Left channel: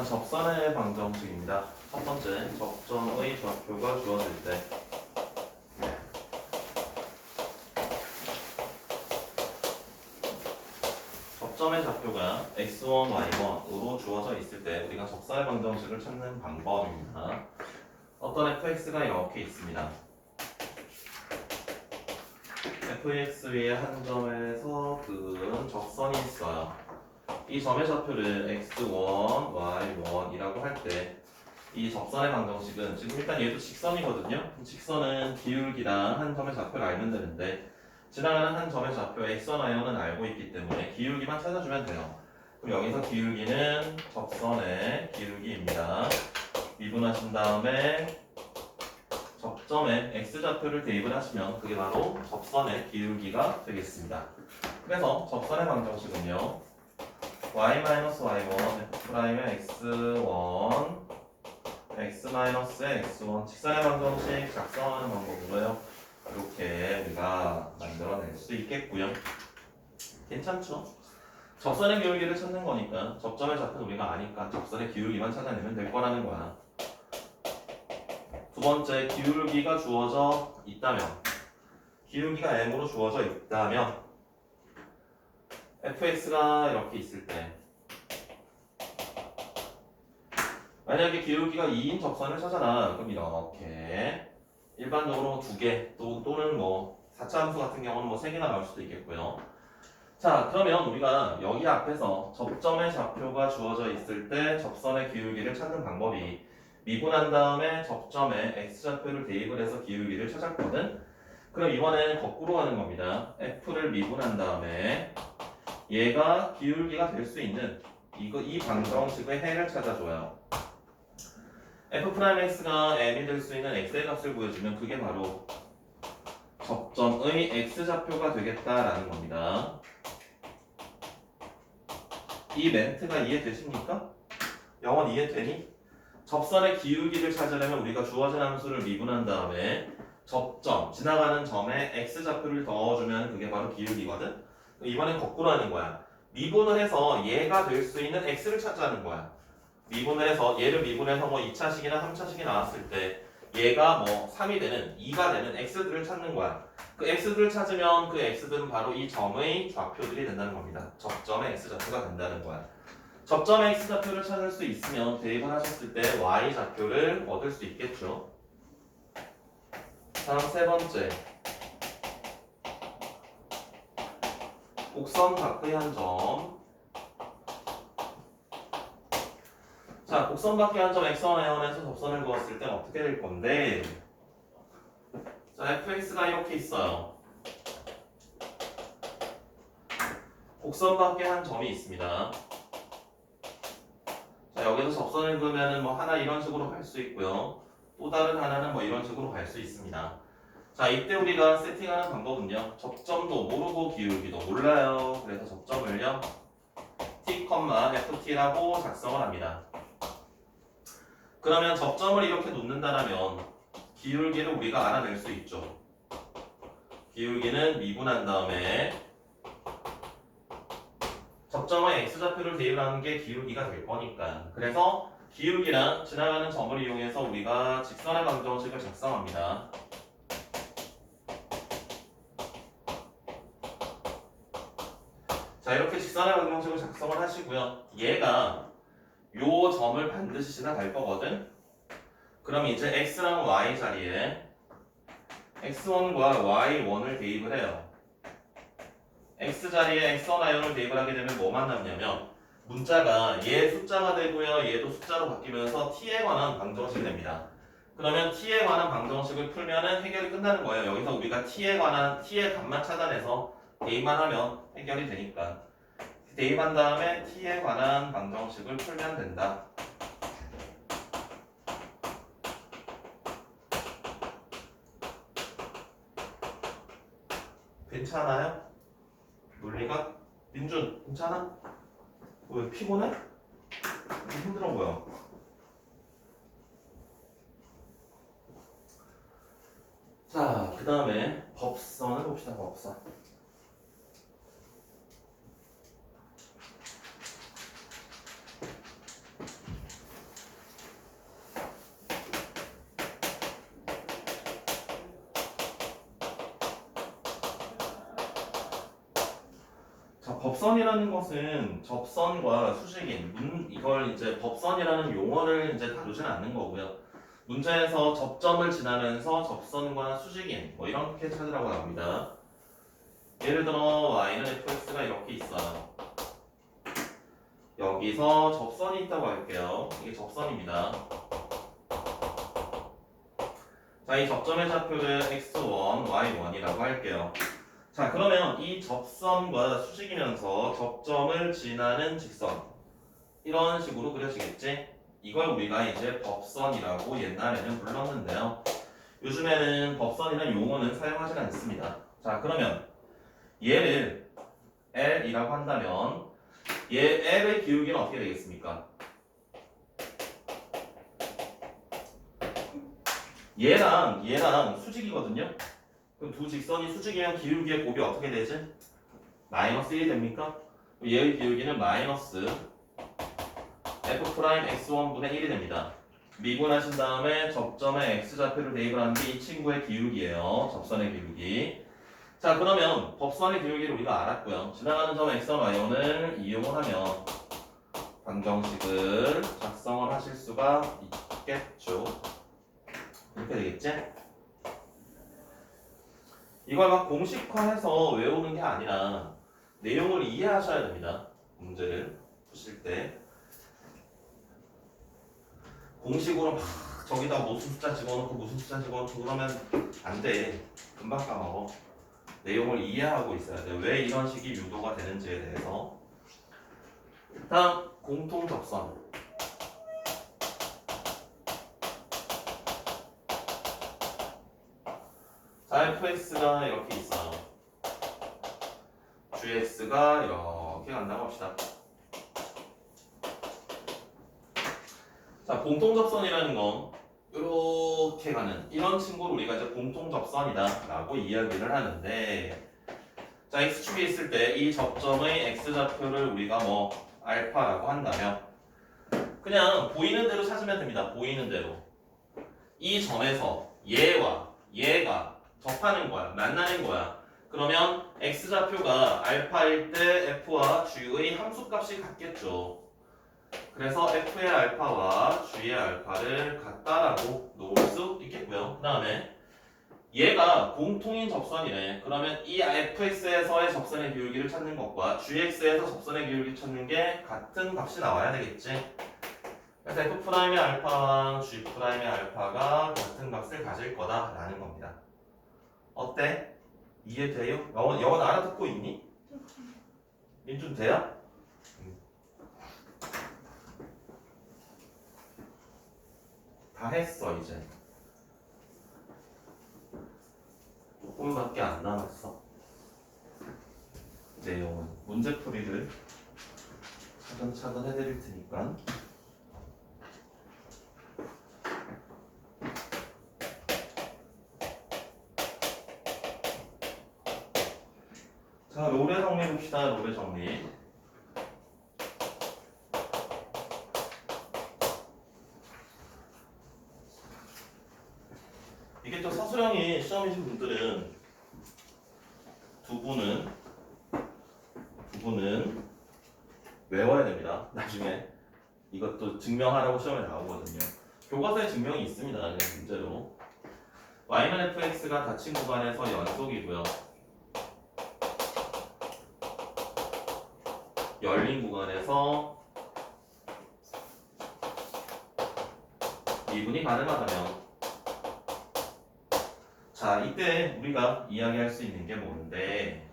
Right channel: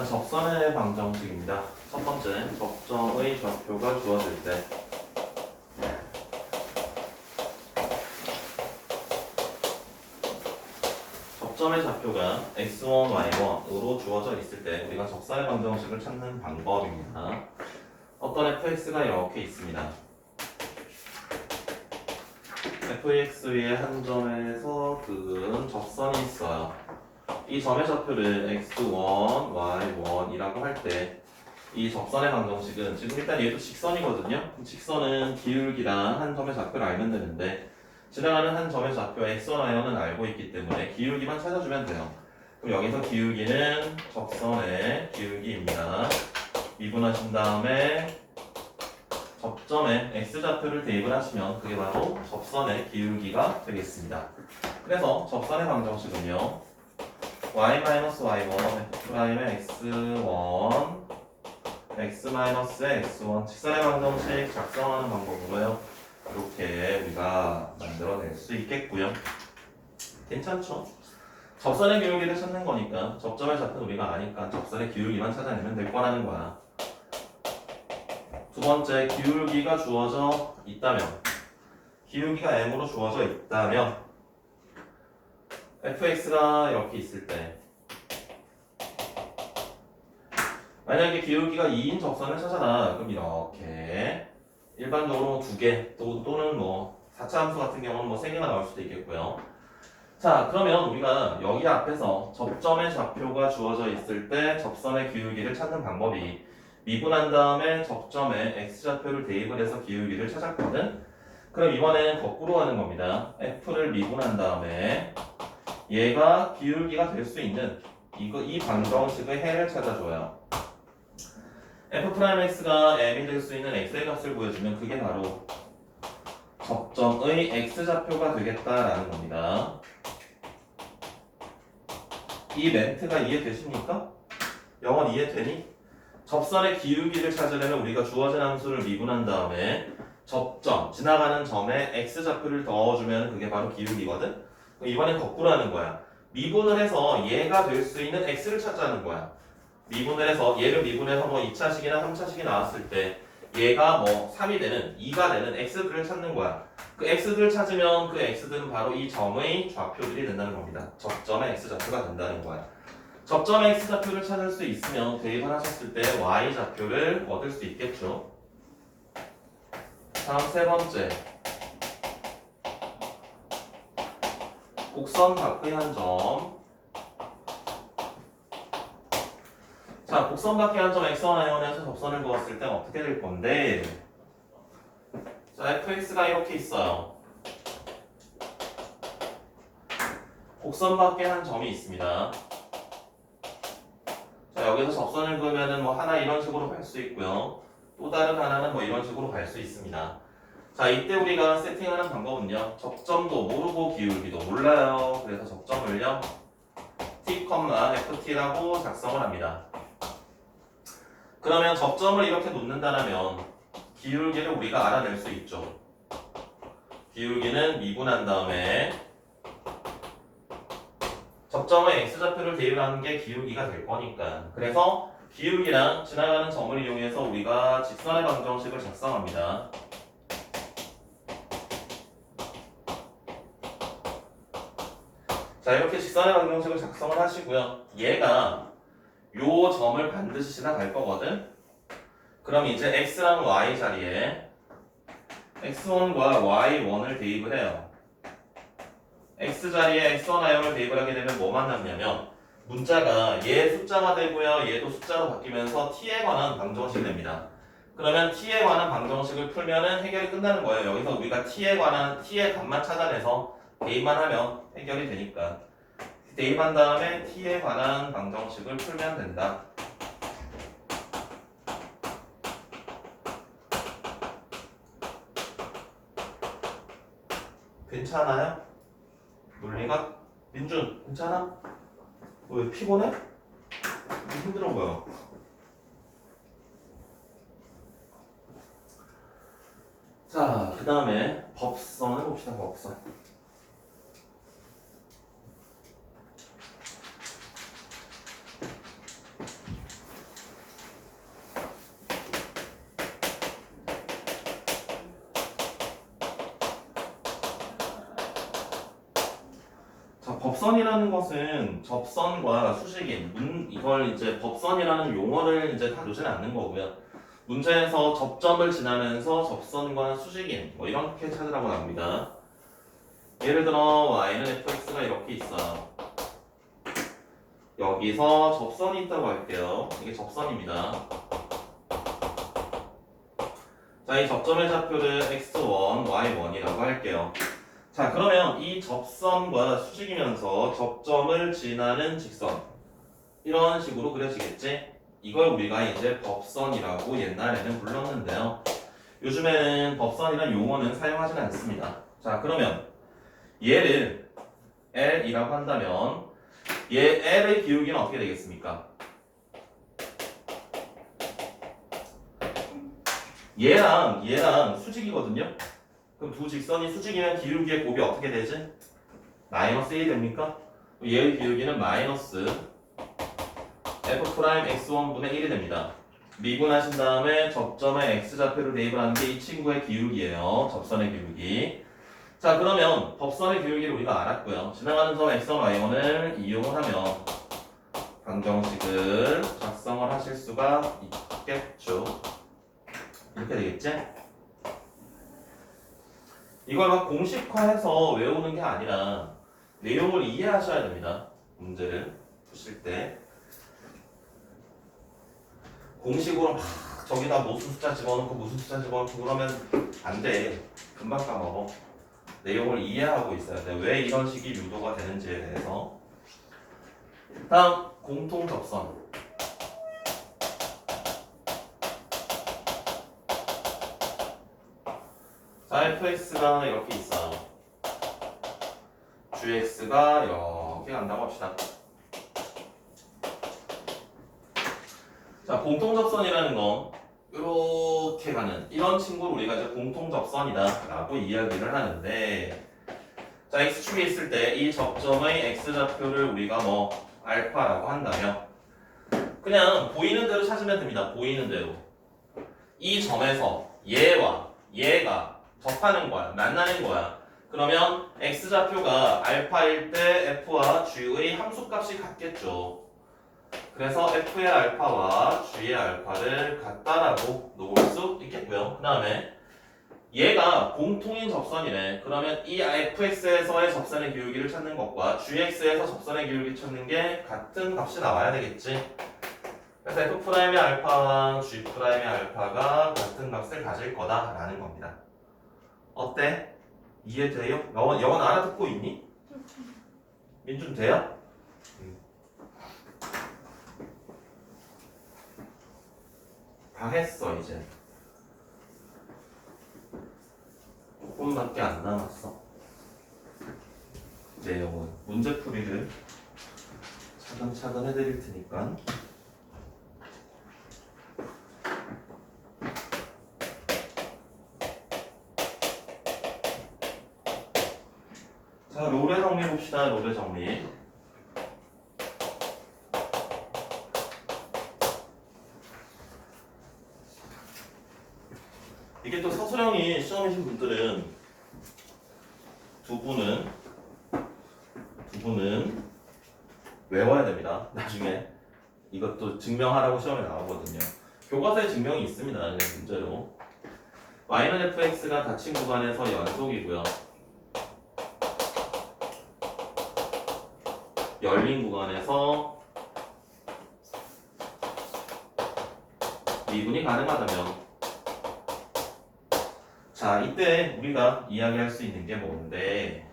자, 접선의 방정식입니다. 첫 번째, 접점의 좌표가 주어질 때 접점의 좌표가 x1, y1으로 주어져 있을 때 우리가 접선의 방정식을 찾는 방법입니다. 어떤 fx가 이렇게 있습니다. fx 위에 한 점에서 그은 적선이 있어요. 이 점의 좌표를 x1, y1이라고 할 때 이 접선의 방정식은 지금 일단 얘도 직선이거든요. 직선은 기울기랑 한 점의 좌표를 알면 되는데 지나가는 한 점의 좌표 x1, y1은 알고 있기 때문에 기울기만 찾아주면 돼요. 그럼 여기서 기울기는 접선의 기울기입니다. 미분하신 다음에 접점에 x좌표를 대입을 하시면 그게 바로 접선의 기울기가 되겠습니다. 그래서 접선의 방정식은요, y-y1 f'의 x1 x-의 x1 직선의 방정식 작성하는 방법으로요 이렇게 우리가 만들어낼 수 있겠고요. 괜찮죠? 접선의 기울기를 찾는 거니까 접점의 좌표는 우리가 아니까 접선의 기울기만 찾아내면 될 거라는 거야. 두 번째, 기울기가 주어져 있다면, 기울기가 m으로 주어져 있다면 fx가 이렇게 있을 때 만약에 기울기가 2인 접선을 찾아라. 그럼 이렇게 일반적으로 2개 또는 뭐 4차 함수 같은 경우는 뭐 3개가 나올 수도 있겠고요. 자, 그러면 우리가 여기 앞에서 접점의 좌표가 주어져 있을 때 접선의 기울기를 찾는 방법이 미분한 다음에 접점에 x좌표를 대입을 해서 기울기를 찾았거든. 그럼 이번엔 거꾸로 하는 겁니다. f를 미분한 다음에 얘가 기울기가 될 수 있는 이 방정식의 해를 찾아줘요. f'x가 m이 될 수 있는 x의 값을 보여주면 그게 바로 접점의 x좌표가 되겠다라는 겁니다. 이 멘트가 이해되십니까? 영원 이해되니? 접선의 기울기를 찾으려면 우리가 주어진 함수를 미분한 다음에 접점, 지나가는 점에 x좌표를 넣어주면 그게 바로 기울기거든? 이번엔 거꾸로 하는 거야. 미분을 해서 얘가 될 수 있는 x를 찾자는 거야. 미분을 해서 얘를 미분해서 뭐 2차식이나 3차식이 나왔을 때 얘가 뭐 3이 되는 2가 되는 x들을 찾는 거야. 그 x들을 찾으면 그 x들은 바로 이 점의 좌표들이 된다는 겁니다. 접점의 x좌표가 된다는 거야. 접점의 x좌표를 찾을 수 있으면 대입을 하셨을 때 y좌표를 얻을 수 있겠죠. 다음 세 번째, 곡선 밖의 한 점. 자, 곡선 밖의 한 점 x1, y1에서 접선을 그었을 때 어떻게 될 건데, 자, fx가 이렇게 있어요. 곡선 밖에 한 점이 있습니다. 자, 여기서 접선을 그으면은 뭐 하나 이런 식으로 갈 수 있고요. 또 다른 하나는 뭐 이런 식으로 갈 수 있습니다. 자, 이때 우리가 세팅하는 방법은요, 접점도 모르고 기울기도 몰라요. 그래서 접점을요, t, ft라고 작성을 합니다. 그러면 접점을 이렇게 놓는다면 기울기를 우리가 알아낼 수 있죠. 기울기는 미분한 다음에 접점의 x좌표를 대입하는 게 기울기가 될 거니까. 그래서 기울기랑 지나가는 점을 이용해서 우리가 직선의 방정식을 작성합니다. 자, 이렇게 직선의 방정식을 작성을 하시고요. 얘가 요 점을 반드시 지나갈 거거든. 그럼 이제 x랑 y 자리에 x1과 y1을 대입을 해요. x 자리에 x1, y1을 대입을 하게 되면 뭐만 남냐면 문자가 얘 숫자가 되고요. 얘도 숫자로 바뀌면서 t에 관한 방정식이 됩니다. 그러면 t에 관한 방정식을 풀면은 해결이 끝나는 거예요. 여기서 우리가 t에 관한 t의 값만 찾아내서 대입만 하면 해결이 되니까. 대입한 다음에 t에 관한 방정식을 풀면 된다. 괜찮아요? 물리가? 민준, 괜찮아? 왜 피곤해? 힘들어 보여. 자, 그 다음에 법선을 봅시다. 법선. 법선이라는 것은 접선과 수직인, 이걸 이제 법선이라는 용어를 이제 다루지는 않는 거고요. 문제에서 접점을 지나면서 접선과 수직인, 뭐 이렇게 찾으라고 합니다. 예를 들어 y는 fx가 이렇게 있어요. 여기서 접선이 있다고 할게요. 이게 접선입니다. 자, 이 접점의 좌표를 x1, y1이라고 할게요. 자, 그러면 이 접선과 수직이면서 접점을 지나는 직선, 이런 식으로 그려지겠지? 이걸 우리가 이제 법선이라고 옛날에는 불렀는데요. 요즘에는 법선이라는 용어는 사용하지 않습니다. 자, 그러면 얘를 L이라고 한다면 얘 L의 기울기는 어떻게 되겠습니까? 얘랑 수직이거든요. 그럼 두 직선이 수직이면 기울기의 곱이 어떻게 되지? 마이너스 1이 됩니까? 얘의 기울기는 마이너스 f'x1분의 1이 됩니다. 미분하신 다음에 접점에 x좌표를 대입을 하는 게 이 친구의 기울기예요. 접선의 기울기. 자, 그러면 법선의 기울기를 우리가 알았고요. 지나가는 점 x1, y1을 이용하면 방정식을 작성을 하실 수가 있겠죠. 이렇게 되겠지? 이걸 막 공식화해서 외우는 게 아니라 내용을 이해하셔야 됩니다. 문제를 푸실 때. 공식으로 막 저기다 무슨 숫자 집어넣고 무슨 숫자 집어넣고 그러면 안 돼. 금방 까먹어. 내용을 이해하고 있어야 돼. 왜 이런 식이 유도가 되는지에 대해서. 다음 공통 접선. 자, fx가 이렇게 있어. gx가 이렇게 간다고 합시다. 자, 공통 접선이라는 건 이렇게 가는 이런 친구를 우리가 이제 공통 접선이다라고 이야기를 하는데, 자, x축에 있을 때 이 접점의 x좌표를 우리가 뭐 알파라고 한다면 그냥 보이는 대로 찾으면 됩니다. 보이는 대로. 이 점에서 얘와 얘가 접하는 거야. 만나는 거야. 그러면 x좌표가 알파일 때 f와 g의 함수값이 같겠죠. 그래서 f의 알파와 g의 알파를 같다라고 놓을 수 있겠고요. 그 다음에 얘가 공통인 접선이네. 그러면 이 fx에서의 접선의 기울기를 찾는 것과 gx에서 접선의 기울기 찾는 게 같은 값이 나와야 되겠지. 그래서 f'의 알파와 g'의 알파가 같은 값을 가질 거다라는 겁니다. 어때? 이해돼요? 영어 알아듣고 있니? 민준 돼요? 다 했어 이제. 조금밖에 안 남았어. 내용은 문제풀이를 차근차근 해드릴 테니까. 자, 롤의 정리 봅시다. 롤의 정리. 이게 또 서술형이 시험이신 분들은 두 분은 외워야 됩니다. 나중에 이것도 증명하라고 시험에 나오거든요. 교과서에 증명이 있습니다. 그냥 문제로 y는 fx가 닫힌 구간에서 연속이고요. 열린 구간에서 미분이 가능하다면, 자, 이때 우리가 이야기할 수 있는 게 뭔데,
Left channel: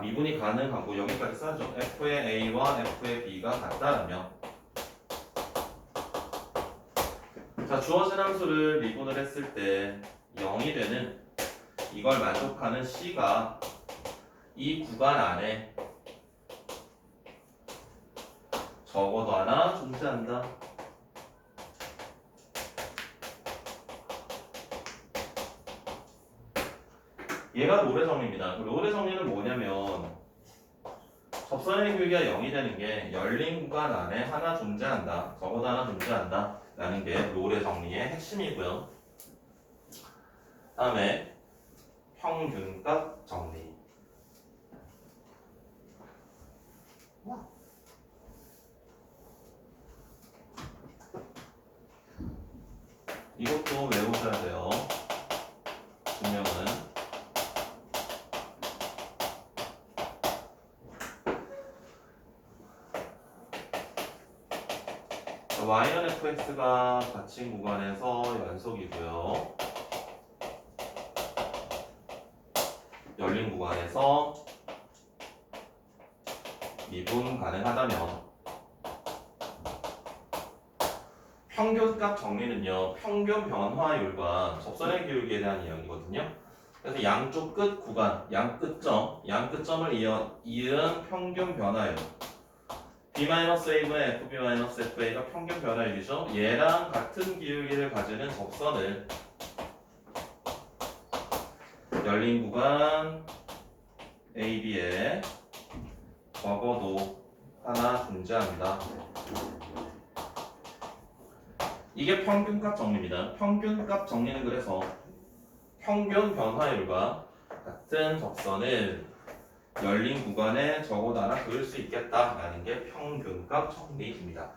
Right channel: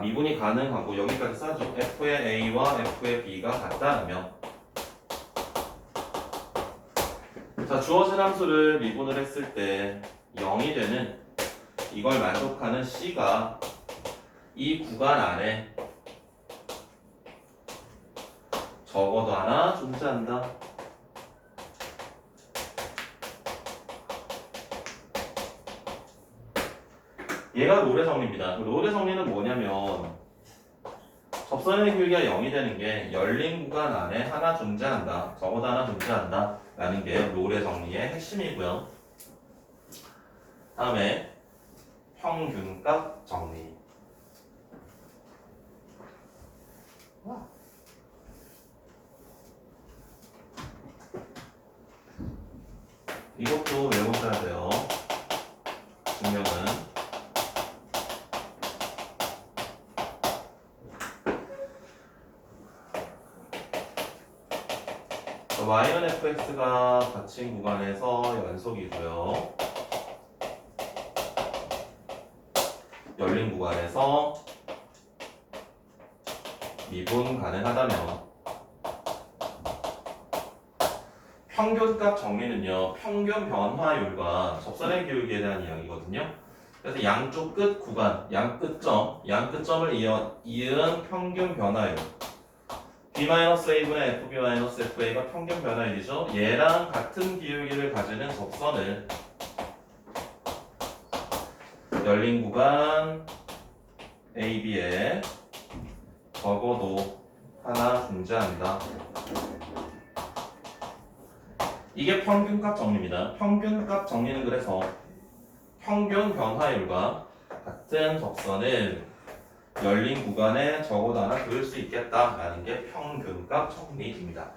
미분이 가능하고 여기까지 써죠. f의 a와 f의 b가 같다면, 자, 주어진 함수를 미분을 했을 때 0이 되는, 이걸 만족하는 c가 이 구간 안에 적어도 하나 존재한다. 얘가 롤의 정리입니다. 롤의 정리는 뭐냐면 접선의 기울기가 0이 되는 게 열린 구간 안에 하나 존재한다. 적어도 하나 존재한다. 라는 게 롤의 정리의 핵심이고요. 다음에 평균값 정리. 이것도 외우셔야 돼요. 증명은 y는 fx가 닫힌 구간에서 연속이고요. 열린 구간에서 미분 가능하다면 평균값 정리는요, 평균 변화율과 접선의 기울기에 대한 이야기거든요. 그래서 양쪽 끝 구간, 양끝점을 이은 평균 변화율 B-A분의 FB-FA가 평균 변화율이죠. 얘랑 같은 기울기를 가지는 접선을 열린 구간 AB에 적어도 하나 존재한다. 이게 평균값 정리입니다. 평균값 정리는 그래서 평균 변화율과 같은 접선을 열린 구간에 적어도 하나 그릴 수 있겠다라는 게 평균값 정리입니다.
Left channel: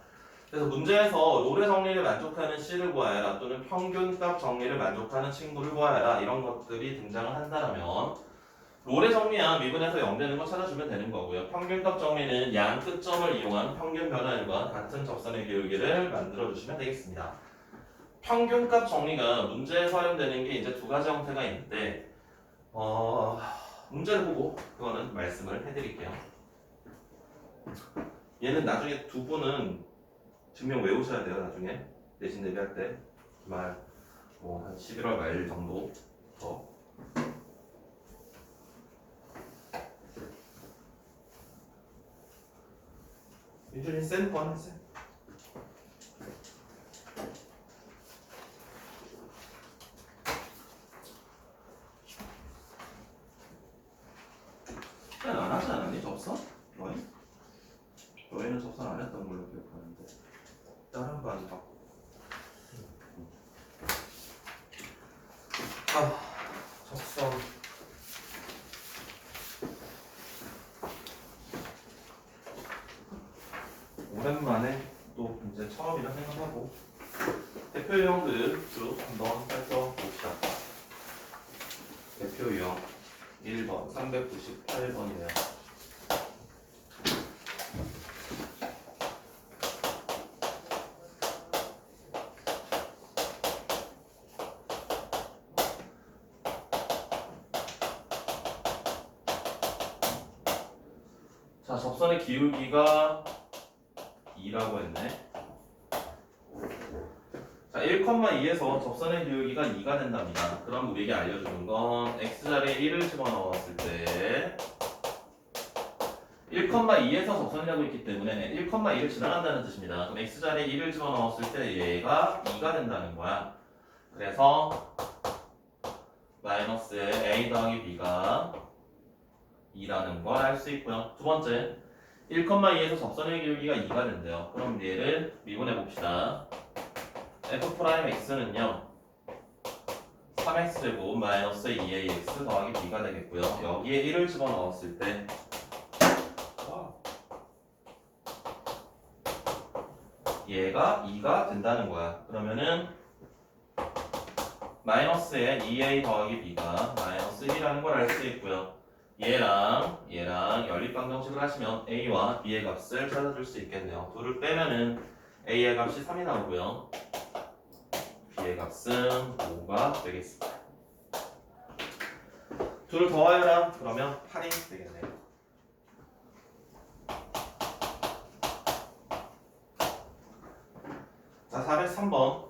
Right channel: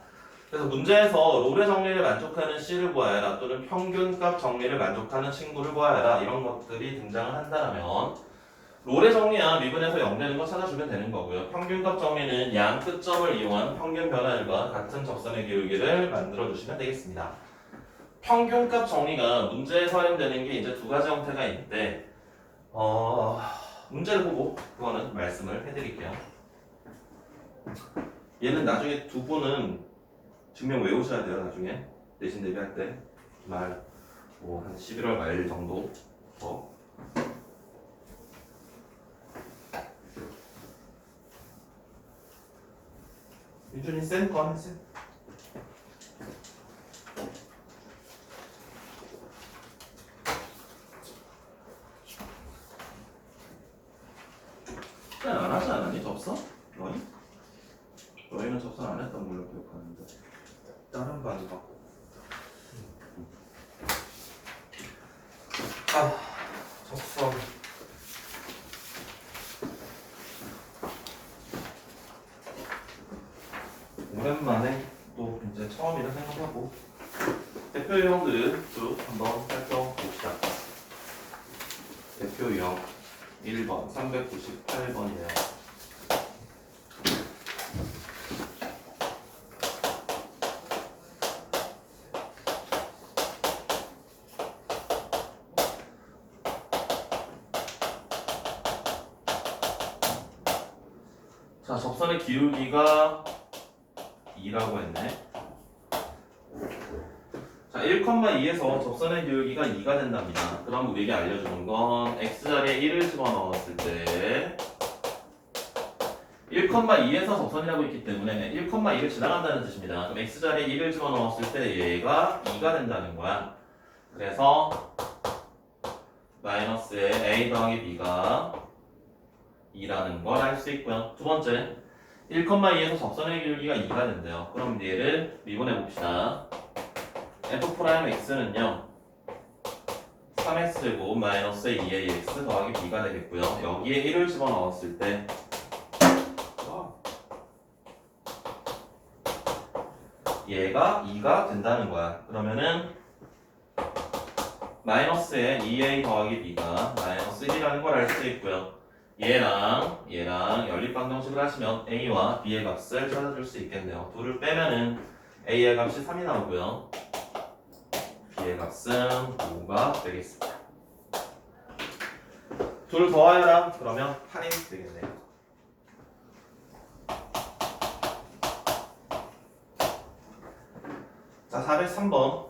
그래서 문제에서 롤의 정리를 만족하는 C를 구하여라 또는 평균값 정리를 만족하는 친구를 구하여라 이런 것들이 등장을 한다면 롤의 정리야 미분에서 0 되는 거 찾아주면 되는 거고요. 평균값 정리는 양 끝점을 이용한 평균 변화율과 같은 접선의 기울기를 만들어 주시면 되겠습니다. 평균값 정리가 문제에 사용되는 게 이제 두 가지 형태가 있는데 문제를 보고 그거는 말씀을 해드릴게요. 얘는 나중에 두 분은 증명 외우셔야 돼요. 나중에 내신 대비할 때 말 한 11월 말 정도 유준이 센 거 하세요. 안 하지 않았니 접선? 너희는 접선 안 했던 걸로 기억하는데 다른 거 안 받고 접선 오랜만에 또 이제 처음이라 생각하고 대표 유형들을 쭉 한번 살펴봅시다. 대표 유형 1번 398번이에요. 자, 접선의 기울기가 2라고 했네. 자, 1,2에서 접선의 기울기가 2가 된답니다. 그럼 우리에게 알려주는 건 x자리에 1을 집어넣었을 때 1,2에서 접선이라고 있기 때문에 1,2를 지나간다는 뜻입니다. 그럼 x자리에 1을 집어넣었을 때 얘가 2가 된다는 거야. 그래서 마이너스에 a 더하기 b가 2라는 걸 알 수 있고요. 두 번째 1,2에서 접선의 기울기가 2가 된대요. 그럼 얘를 미분해 봅시다. f'x는요 3x제곱 마이너스 2ax 더하기 b가 되겠고요. 여기에 1을 집어넣었을 때 얘가 2가 된다는 거야. 그러면은 마이너스에 2a 더하기 b가 마이너스 1이라는 걸 알 수 있고요. 얘랑 연립방정식을 하시면 a와 b의 값을 찾아줄 수 있겠네요. 둘을 빼면은 a의 값이 3이 나오고요. b의 값은 5가 되겠습니다. 둘을 더하여라. 그러면 8이 되겠네요. 자, 403번.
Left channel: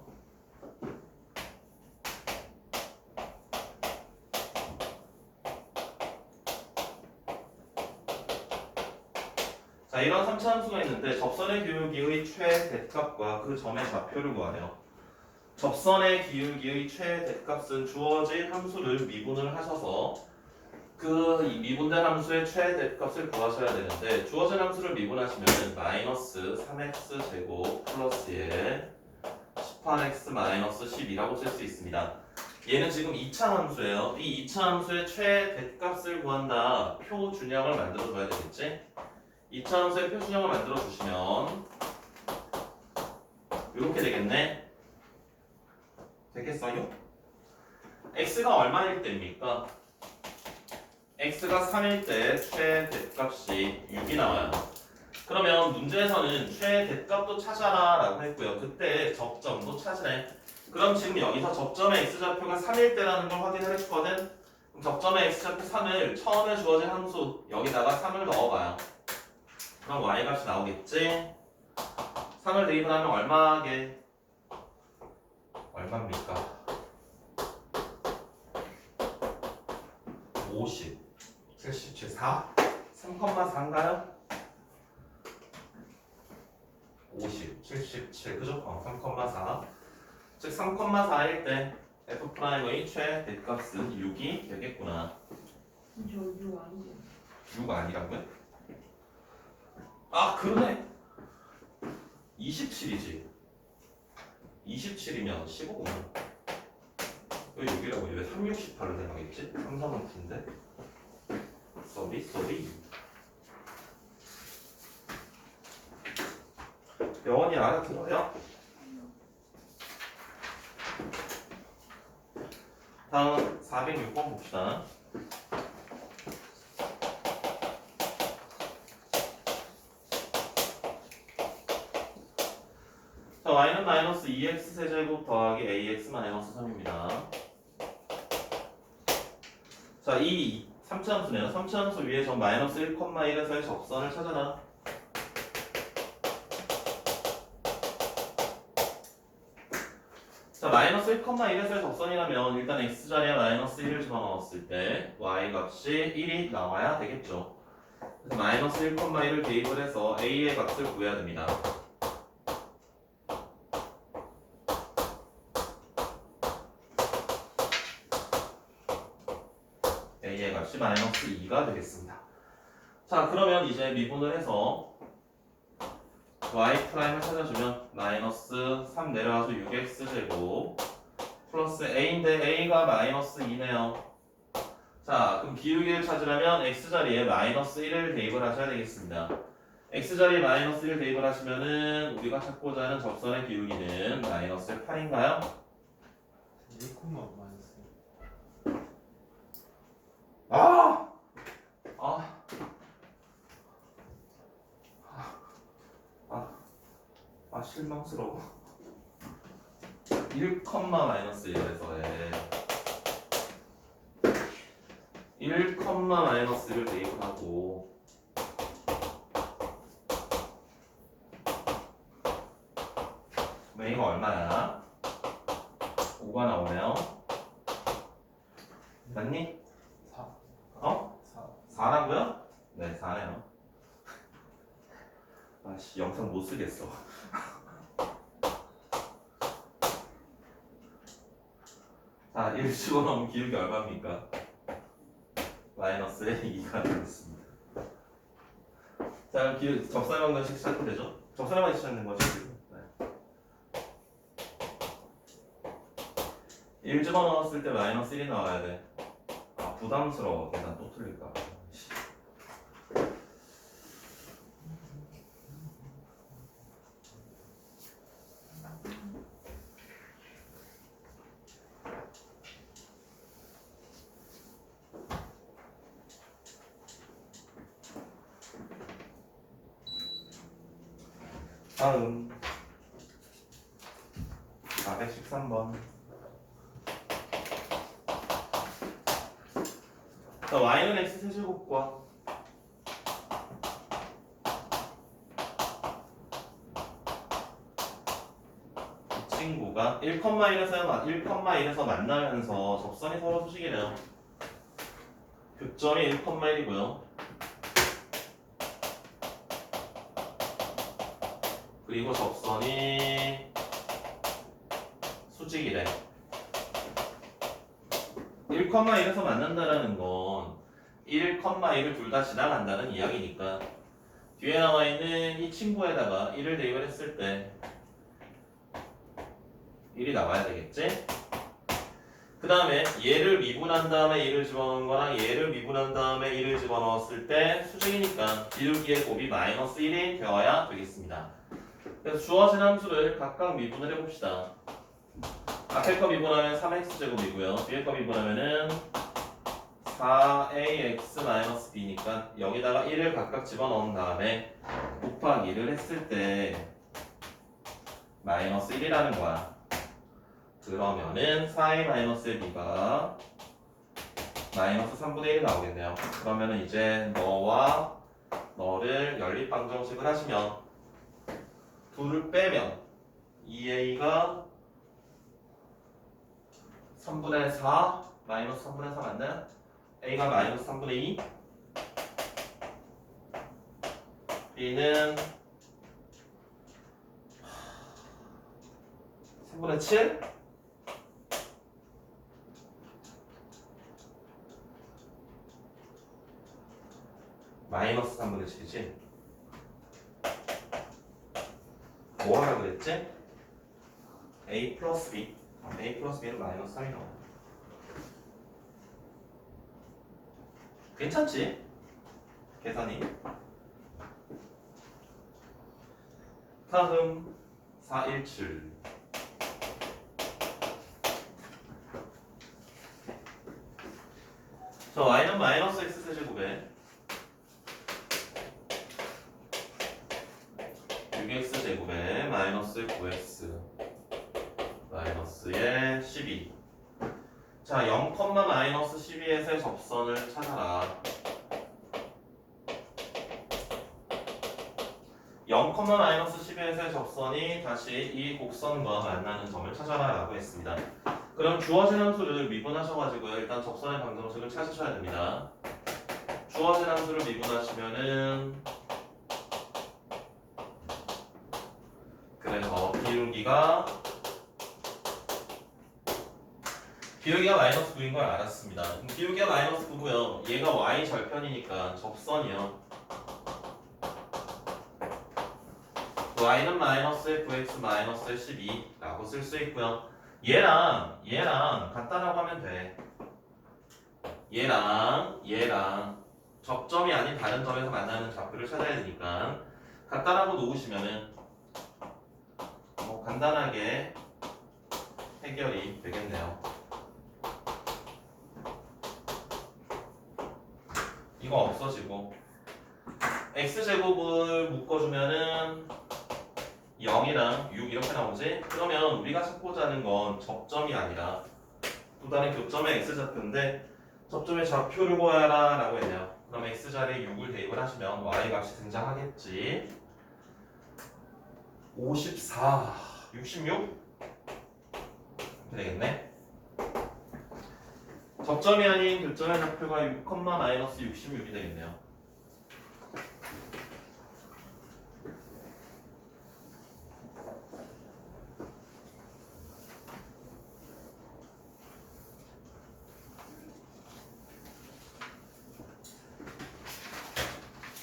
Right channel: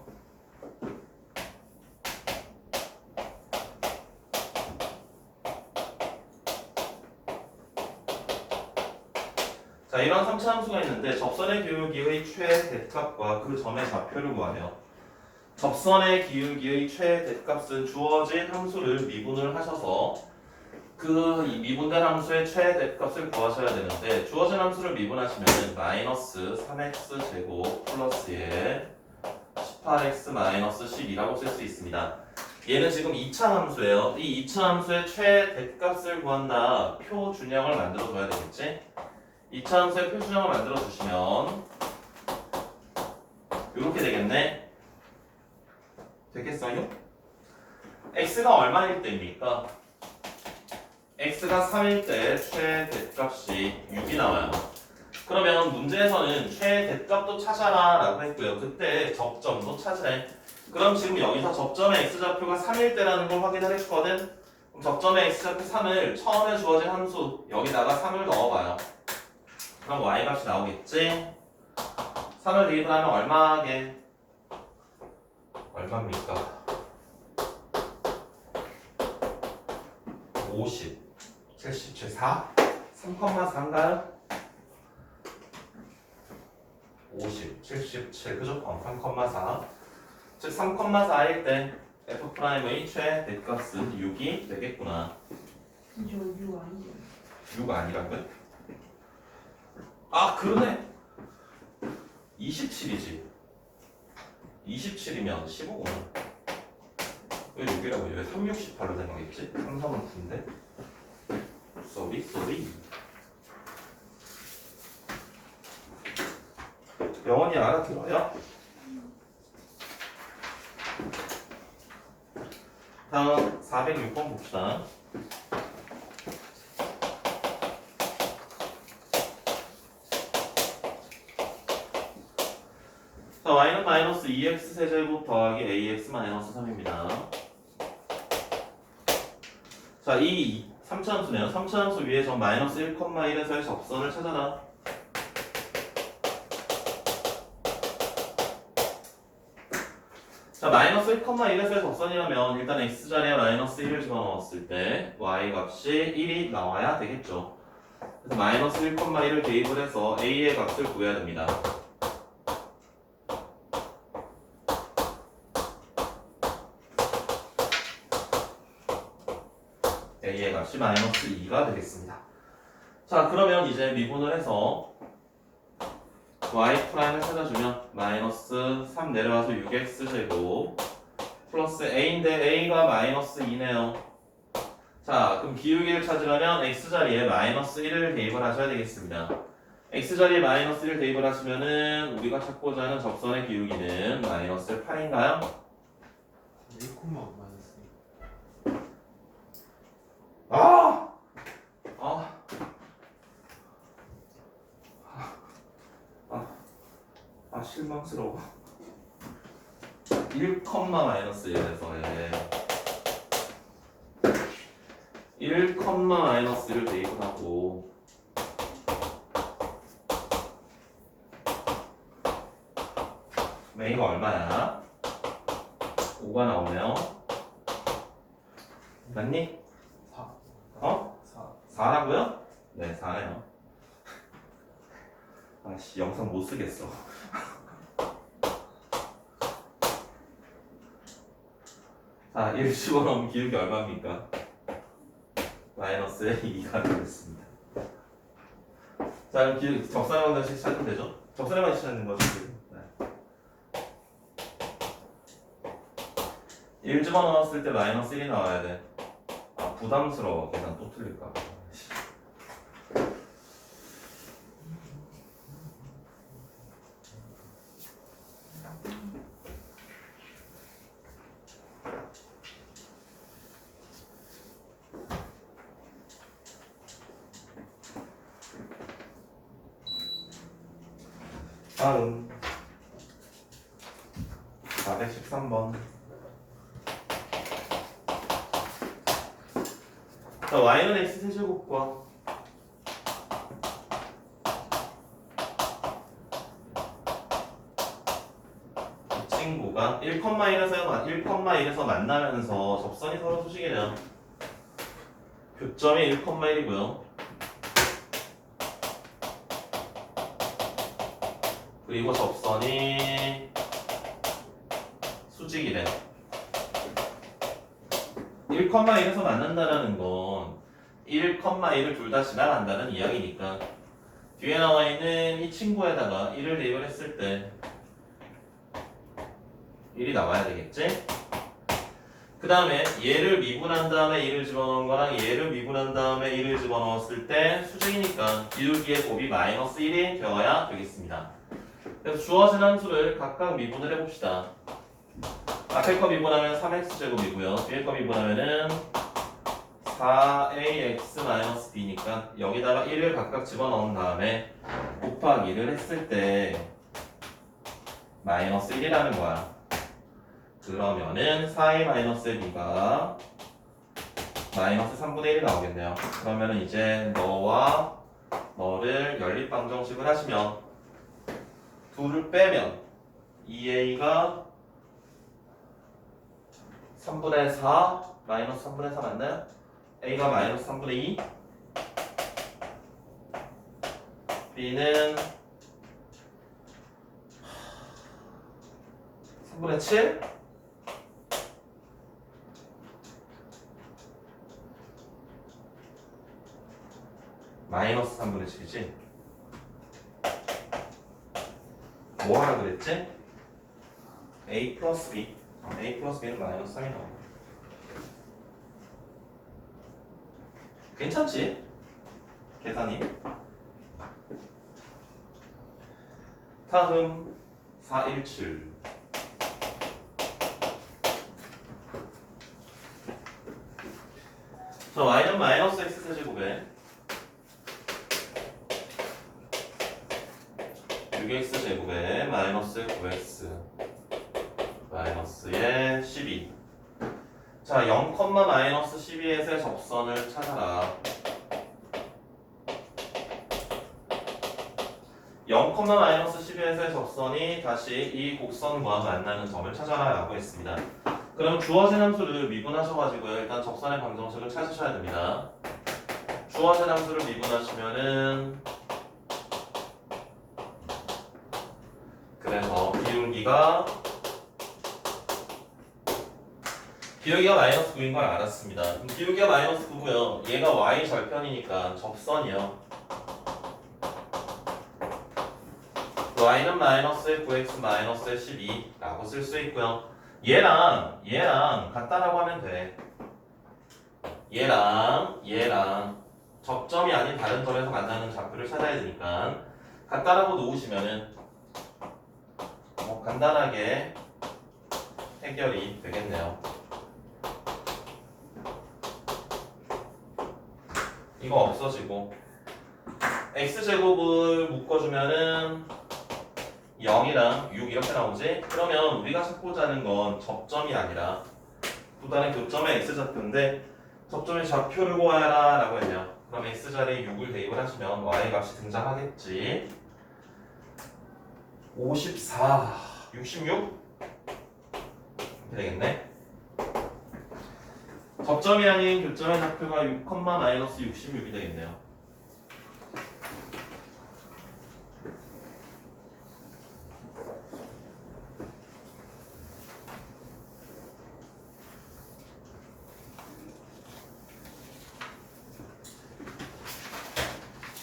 자, 이런 3차 함수가 있는데 접선의 기울기의 최대값과 그 점의 좌표를 구하며 접선의 기울기의 최대값은 주어진 함수를 미분을 하셔서 그 미분된 함수의 최대값을 구하셔야 되는데 주어진 함수를 미분하시면 마이너스 3x 제곱 플러스에 18x 마이너스 12라고 쓸 수 있습니다. 얘는 지금 2차 함수예요. 이 2차 함수의 최대값을 구한다. 표준형을 만들어 줘야 되겠지? 2차 함수의 표준형을 만들어 주시면 이렇게 되겠네. 되겠어요? x가 얼마일 때입니까? x가 3일 때 최대값이 6이 나와요. 그러면 문제에서는 최대값도 찾아라 라고 했고요. 그때 접점도 찾으래. 그럼 지금 여기서 접점의 x좌표가 3일 때라는 걸 확인을 했거든. 그럼 접점의 x좌표 3을 처음에 주어진 함수 여기다가 3을 넣어봐요. 그럼 y값이 나오겠지? 3을 대입을 하면 얼마게? 얼마입니까? 50, 77, 4? 3,4인가요? 50, 77, 그죠? 3,4. 즉 3,4일 때 f'의 최대값은 6이 되겠구나. 저 6 아니에요. 6 아니라고요? 아 그러네. 27이지. 27이면 15구나. 왜 6이라고 왜 368로 생각했지? 항상은 9인데. 쏘리. 영원히 알아들어요? 다음 406번 봅시다. 자, y는 마이너스 2x 세제곱 더하기 ax 마이너스 3입니다. 자, 이 3차함수네요. 3차함수 위에 점 마이너스 1,1에서의 접선을 찾아라. 자, 마이너스 1,1에서의 접선이라면 일단 x자리에 마이너스 1을 집어넣었을 때 y 값이 1이 나와야 되겠죠. 그래서 마이너스 1,1을 대입을 해서 a의 값을 구해야 됩니다. a의 값이 마이너스 2가 되겠습니다. 자, 그러면 이제 미분을 해서 y'을 찾아주면 마이너스 3 내려와서 6x제곱 플러스 a인데 a가 마이너스 2네요. 자, 그럼 기울기를 찾으려면 x자리에 마이너스 1을 대입을 하셔야 되겠습니다. x자리에 마이너스 1을 대입을 하시면은 우리가 찾고자 하는 접선의 기울기는 마이너스 8인가요? 1, 마이너스. 실망스러워. 1, 마이너스 1에서의 1, 마이너스 1을 대입을 하고 a가 얼마야? 5가 나오네요. 맞니? 4. 어? 4. 4라고요? 네, 4네요. 아씨, 영상 못 쓰겠어. 자, 1 집어넣으면 기울기 얼마입니까? 마이너스 2가 되겠습니다. 자, 그럼 적선의 방정식 찾으면 되죠? 적선의 방정식 찾는 거죠? 네. 1 집어넣었을 때 마이너스 1이 나와야 돼. 아, 부담스러워. 계산 또 틀릴까? 다음 413번. 자, y는 x 세제곱과 이 친구가 1,1에서 만나면서 접선이 서로 수직이래요. 교점이 1,1이고요. 그리고 접선이 수직이래. 1,1에서 만난다라는 건 1,1을 둘 다 지나간다는 이야기니까 뒤에 나와 있는 이 친구에다가 1을 대입을 했을 때 1이 나와야 되겠지? 그 다음에 얘를 미분한 다음에 1을 집어넣은 거랑 얘를 미분한 다음에 1을 집어넣었을 때 수직이니까 기울기의 곱이 마이너스 1이 되어야 되겠습니다. 그래서 주어진 함수를 각각 미분을 해봅시다. 앞에 거 미분하면 3x제곱이고요. 뒤에 거 미분하면은 4ax-b니까 여기다가 1을 각각 집어넣은 다음에 곱하기를 했을 때 마이너스 1이라는 거야. 그러면은 4a-b가 마이너스 3분의 1이 나오겠네요. 그러면은 이제 너와 너를 연립방정식을 하시면 둘을 빼면 2a가 3분의 4 마이너스 3분의 4 맞나요? a가 마이너스 3분의 2 b는 3분의 7 마이너스 3분의 7이지? 뭐 하라 그랬지? a 플러스 b a 플러스 b는 마이너스 3이 나와. 괜찮지? 계산이. 다음 417 자, y는 마이너스 x 세제곱에 6x 제곱에 마이너스 9x 마이너스의 12. 자, 0, 마이너스 12에서의 접선을 찾아라. 0, 마이너스 12에서의 접선이 다시 이 곡선과 만나는 점을 찾아라 라고 했습니다. 그럼 주어진 함수를 미분하셔가지고 일단 접선의 방정식을 찾으셔야 됩니다. 주어진 함수를 미분하시면은 그래서 기울기가 마이너스 9인 걸 알았습니다. 그럼 기울기가 마이너스 9고요. 얘가 y 절편이니까 접선이요. y는 마이너스 9x 마이너스 12라고 쓸 수 있고요. 얘랑 같다라고 하면 돼. 얘랑 접점이 아닌 다른 점에서 만나는 좌표를 찾아야 되니까 같다라고 놓으시면은 간단하게 해결이 되겠네요. 이거 없어지고 x제곱을 묶어주면은 0이랑 6 이렇게 나오지? 그러면 우리가 찾고자 하는 건 접점이 아니라 또 다른 교점의 x좌표인데 접점의 좌표를 구하라 라고 했네요. 그럼 x자리에 6을 대입을 하시면 y 값이 등장하겠지. 54, 66? 이렇게 되겠네. 접점이 아닌 교점의 좌표가 6, 마이너스 66이 되겠네요.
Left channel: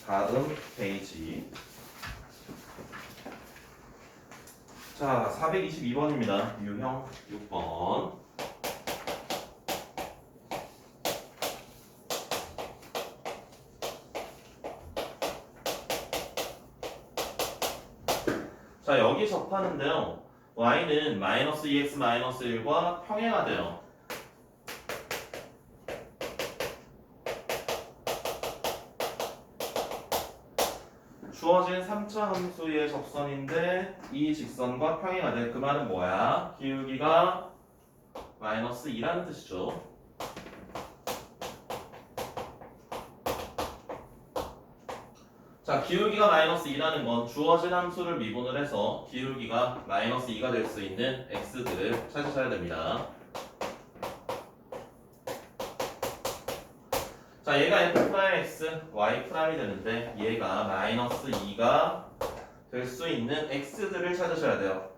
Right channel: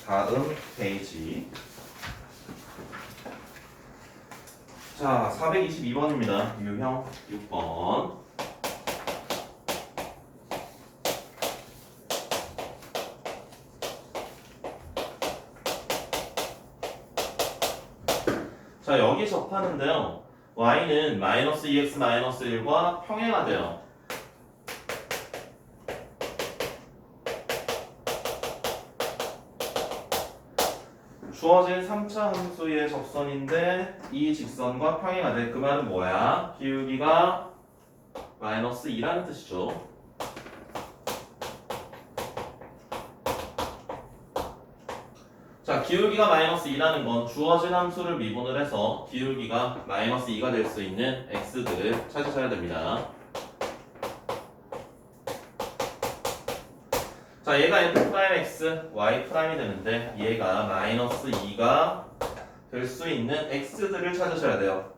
다음 페이지. 자, 422번입니다. 유형 6번. 자, 여기 접하는데요. y는 마이너스 2x 마이너스 1과 평행하대요. 주어진 3차 함수의 접선인데 이 직선과 평행하대. 그 말은 뭐야? 기울기가 마이너스 2라는 뜻이죠. 자, 기울기가 마이너스 2라는 건 주어진 함수를 미분을 해서 기울기가 마이너스 2가 될 수 있는 x들을 찾으셔야 됩니다. 자, 얘가 f'x, y'이 되는데 얘가 마이너스 2가 될 수 있는 x들을 찾으셔야 돼요.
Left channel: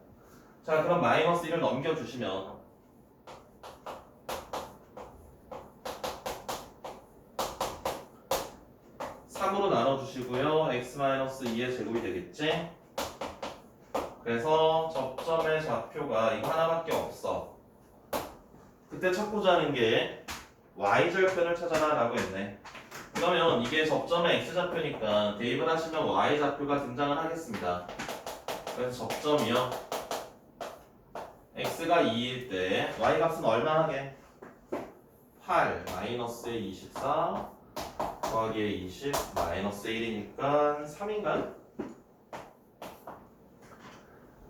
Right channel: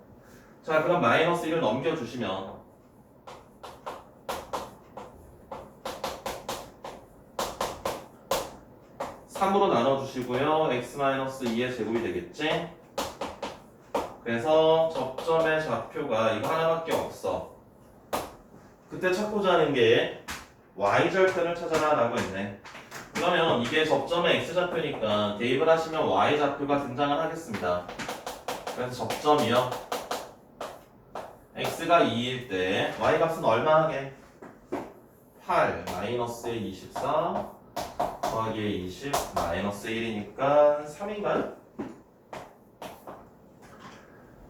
자, 그럼 마이너스 1을 넘겨주시면 3으로 나눠주시고요. x-2의 제곱이 되겠지? 그래서 접점의 좌표가 이거 하나밖에 없어. 그때 찾고자 하는 게 y절편을 찾아라 라고 했네. 그러면 이게 접점의 x좌표니까 대입을 하시면 y좌표가 등장을 하겠습니다. 그래서 접점이요 x가 2일 때 y 값은 얼마 하게? 8 마이너스에 24 더하기에 20 마이너스 1이니까 3인가요?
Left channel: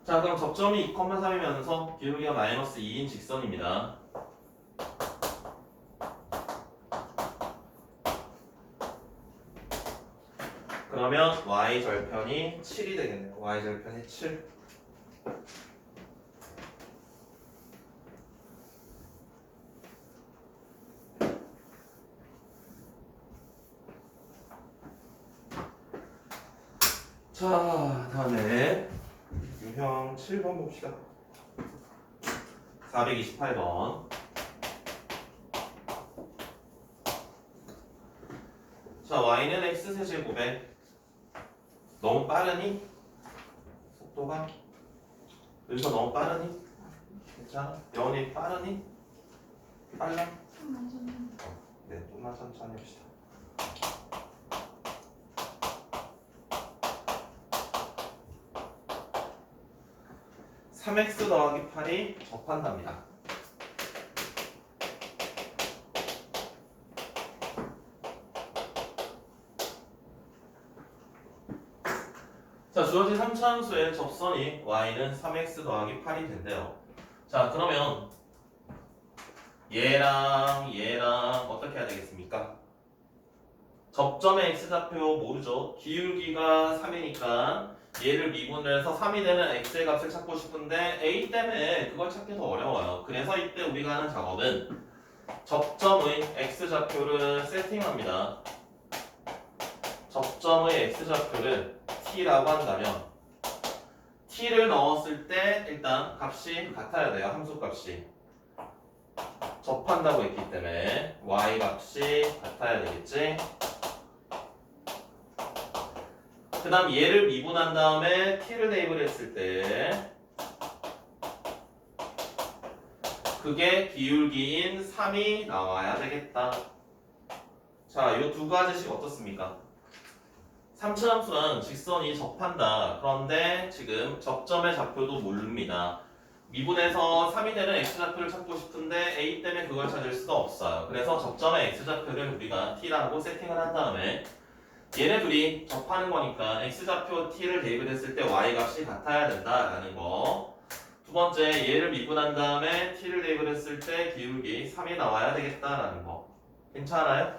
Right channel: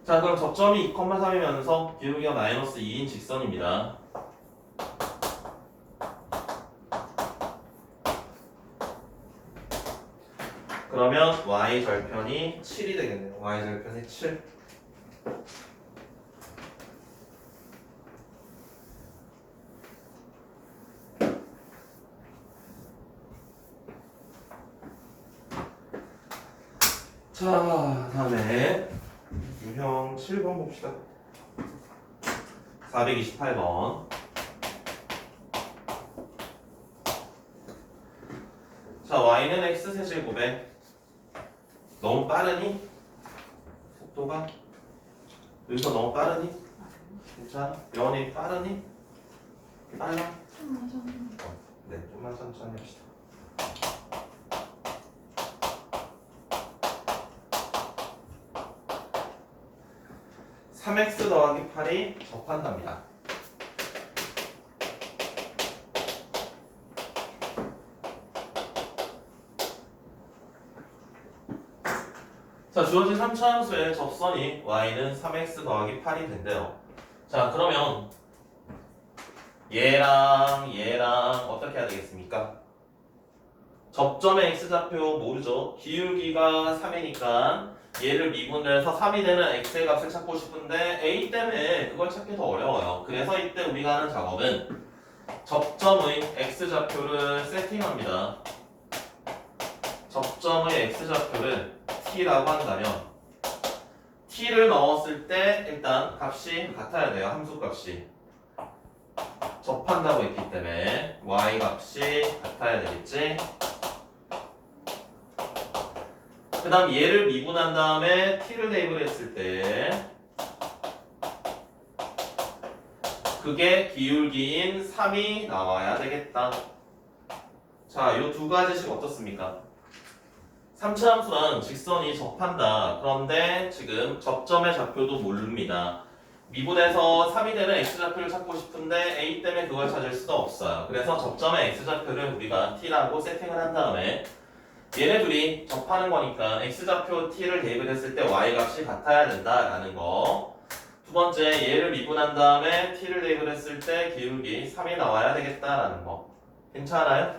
자 그럼 접점이 2,3이면서 기울기가 마이너스 2인 직선입니다. 그러면 y 절편이 7이 되겠네요. y 절편이 7. 자 다음에 유형 7번 봅시다. 428번. 자 y는 x 세제곱에 너무 빠르니? 속도가? 여기서 너무 빠르니? 괜찮아? 영원히 빠르니? 빨라? 네, 좀만 천천히 합시다. (3x 더하기 8이) 접한답니다. 자, 주어진 3차 함수의 접선이 y는 3x 더하기 8이 된대요. 자, 그러면 얘랑 어떻게 해야 되겠습니까? 접점의 x좌표 모르죠? 기울기가 3이니까 얘를 미분해서 3이 되는 x의 값을 찾고 싶은데 a 때문에 그걸 찾기 더 어려워요. 그래서 이때 우리가 하는 작업은 접점의 x좌표를 세팅합니다. 접점의 x좌표를 t라고 한다면 t를 넣었을 때 일단 값이 같아야 돼요. 함수값이 접한다고 했기 때문에 y 값이 같아야 되겠지. 그 다음 얘를 미분한 다음에 t를 대입을 했을 때 그게 기울기인 3이 나와야 되겠다. 자, 이 두 가지씩 어떻습니까? 3차 함수는 직선이 접한다. 그런데 지금 접점의 좌표도 모릅니다. 미분해서 3이 되는 x좌표를 찾고 싶은데 a 때문에 그걸 찾을 수가 없어요. 그래서 접점의 x좌표를 우리가 t라고 세팅을 한 다음에 얘네 둘이 접하는 거니까 x좌표 t를 대입을 했을 때 y 값이 같아야 된다라는 거. 두 번째 얘를 미분한 다음에 t를 대입을 했을 때 기울기 3이 나와야 되겠다라는 거. 괜찮아요?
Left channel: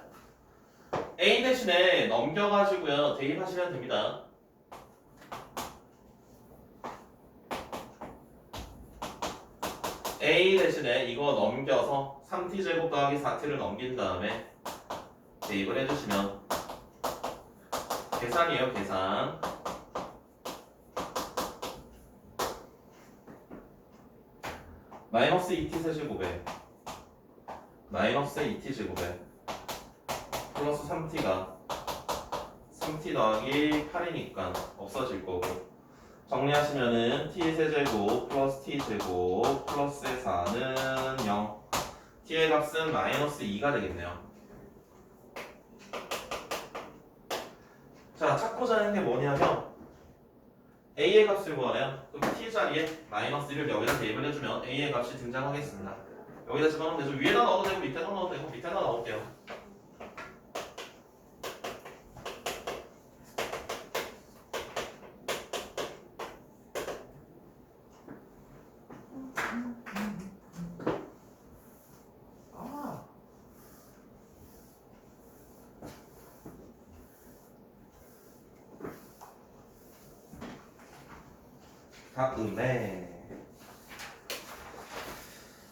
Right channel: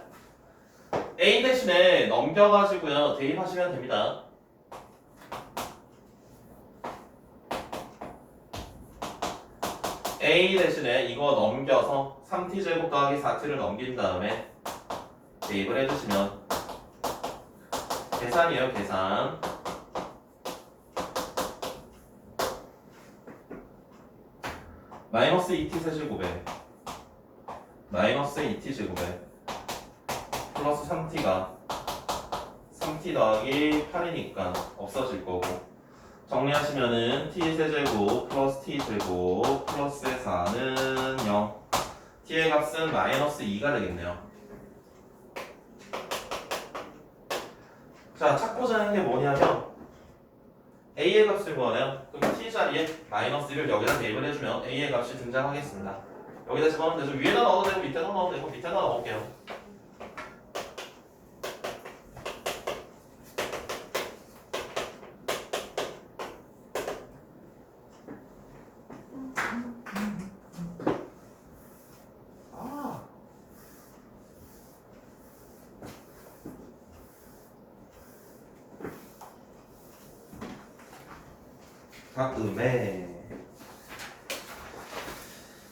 a 대신에 넘겨가지고요 대입하시면 됩니다. a 대신에 이거 넘겨서 3t제곱 더하기 4t를 넘긴 다음에 대입을 해주시면 계산이에요. 계산. 마이너스 2t 세제곱에 마이너스 2t 제곱에 플러스 3t가 3t 더하기 8이니까 없어질 거고 정리하시면은 t 세제곱 플러스 t 제곱 플러스 4는 0 t의 값은 마이너스 2가 되겠네요. 자, 찾고자 하는 게 뭐냐면 a의 값을 구하래요. 그럼 t 자리에 마이너스 1을 여기다 대입을 해주면 a의 값이 등장하겠습니다. 여기다 집어넣으면 되죠. 위에다 넣어도 되고 밑에다 넣어도 되고 밑에다 넣을게요. 다음에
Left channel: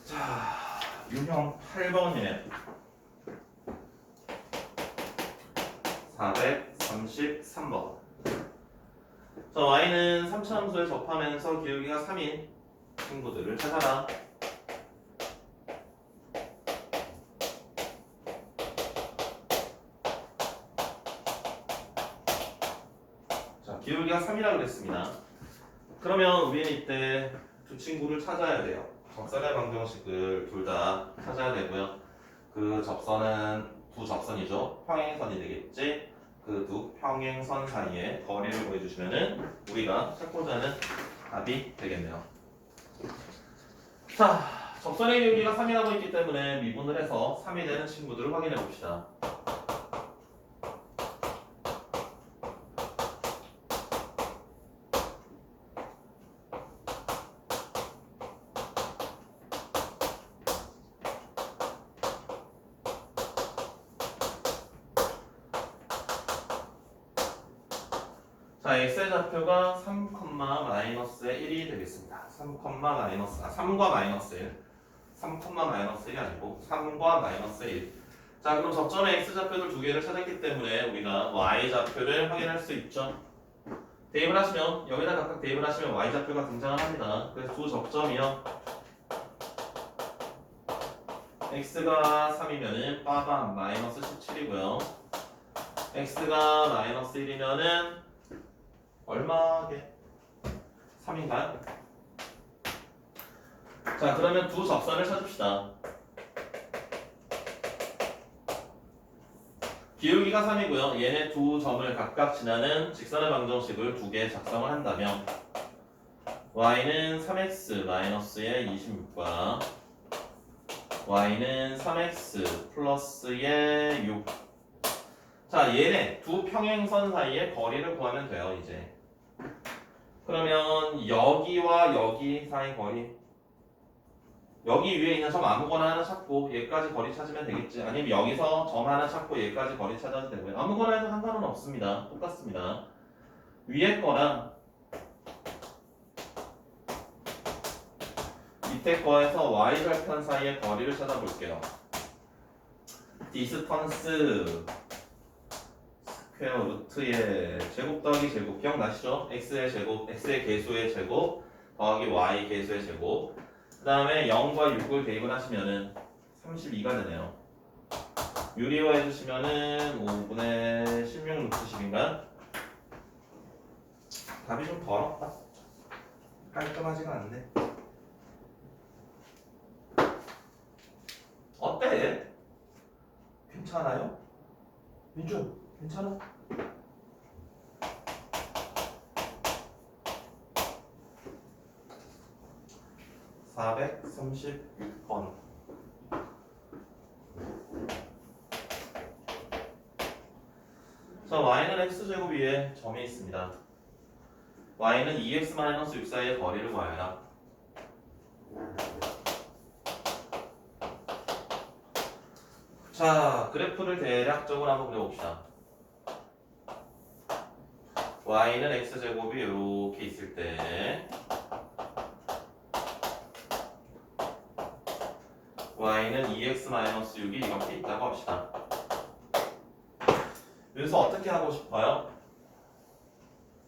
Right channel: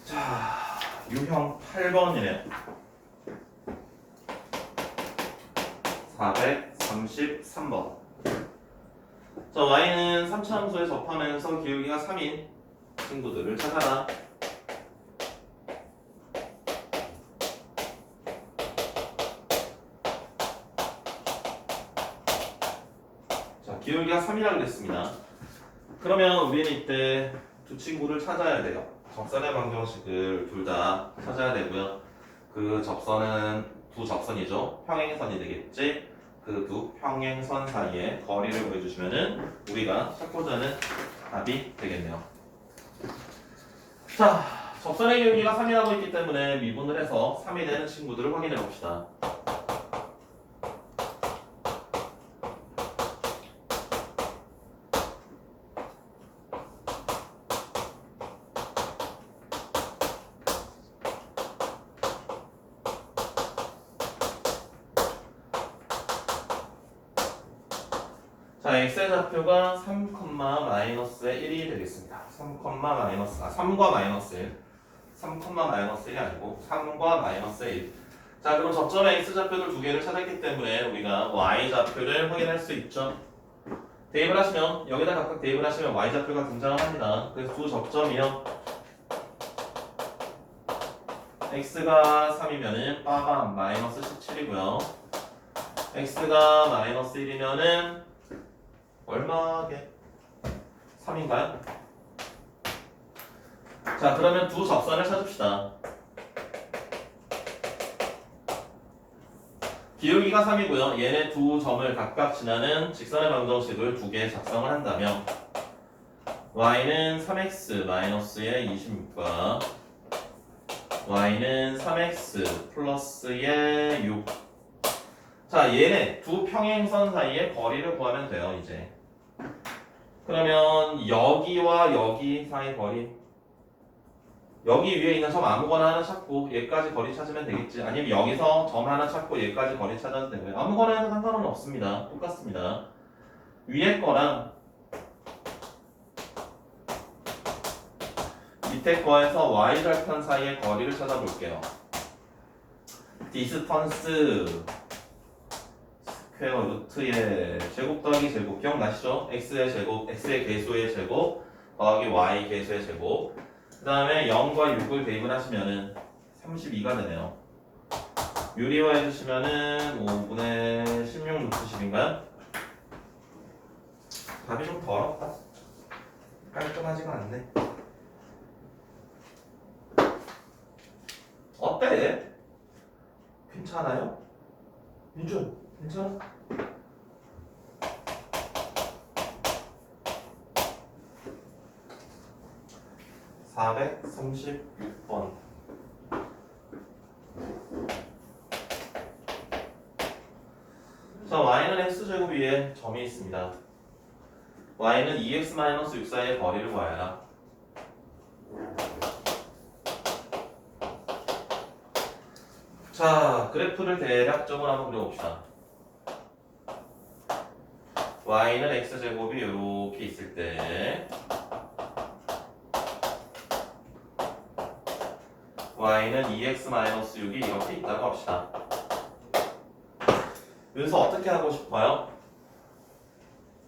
자 유형 8번이네요. 433번. 자 y는 3차 함수에 접하면서 기울기가 3인 친구들을 찾아라. 자 기울기가 3이라고 그랬습니다. 그러면 우리는 이때 두 친구를 찾아야 돼요. 접선의 방정식을 둘 다 찾아야 되고요. 그 접선은 두 접선이죠. 평행선이 되겠지. 그 두 평행선 사이에 거리를 구해주시면은 우리가 찾고자 하는 답이 되겠네요. 자, 접선의 기울기가 3이라고 있기 때문에 미분을 해서 3이 되는 친구들을 확인해 봅시다. 자, x의 좌표가 3, 마이너스의 1이 되겠습니다. 3과 마이너스 1. 3, 1이 아니고 3과 마이너스 1. 자, 그럼 접점의 x 좌표들 두 개를 찾았기 때문에 우리가 y 좌표를 확인할 수 있죠. 대입을 하시면 여기다 각각 대입을 하시면 y 좌표가 등장을 합니다. 그래서 두 접점이요. x가 3이면은 빠밤 마이너스 17이고요. x가 마이너스 1이면은 얼마게? 3인가요? 자, 그러면 두 접선을 찾읍시다. 기울기가 3이고요. 얘네 두 점을 각각 지나는 직선의 방정식을 두 개 작성을 한다면 y는 3x 마이너스의 26과 y는 3x 플러스의 6. 자, 얘네 두 평행선 사이의 거리를 구하면 돼요, 이제. 그러면 여기와 여기 사이 거리, 여기 위에 있는 점 아무거나 하나 찾고 얘까지 거리 찾으면 되겠지. 아니면 여기서 점 하나 찾고 얘까지 거리 찾아도 되고요. 아무거나 해도 상관은 없습니다. 똑같습니다. 위에 거랑 밑에 거에서 y절편 사이의 거리를 찾아볼게요. 디스턴스 스퀘어 루트의 제곱 더하기 제곱 기억나시죠? x의 제곱, x의 개수의 제곱 더하기 y 개수의 제곱. 그 다음에 0과 6을 대입을 하시면은 32가 되네요. 유리화 해주시면은 5분의 16 루트 10인가요? 답이 좀 더럽다. 깔끔하지가 않네. 어때? 괜찮아요? 민준, 괜찮아? (436번) 자, y는 x제곱 위에 점이 있습니다. y는 2x-6 사이의 거리를 구하여라. 자, 그래프를 대략적으로 한번 그려봅시다. y는 x제곱이 이렇게 있을 때 y는 2x-6이 이렇게 있다고 합시다. 여기서 어떻게 하고 싶어요?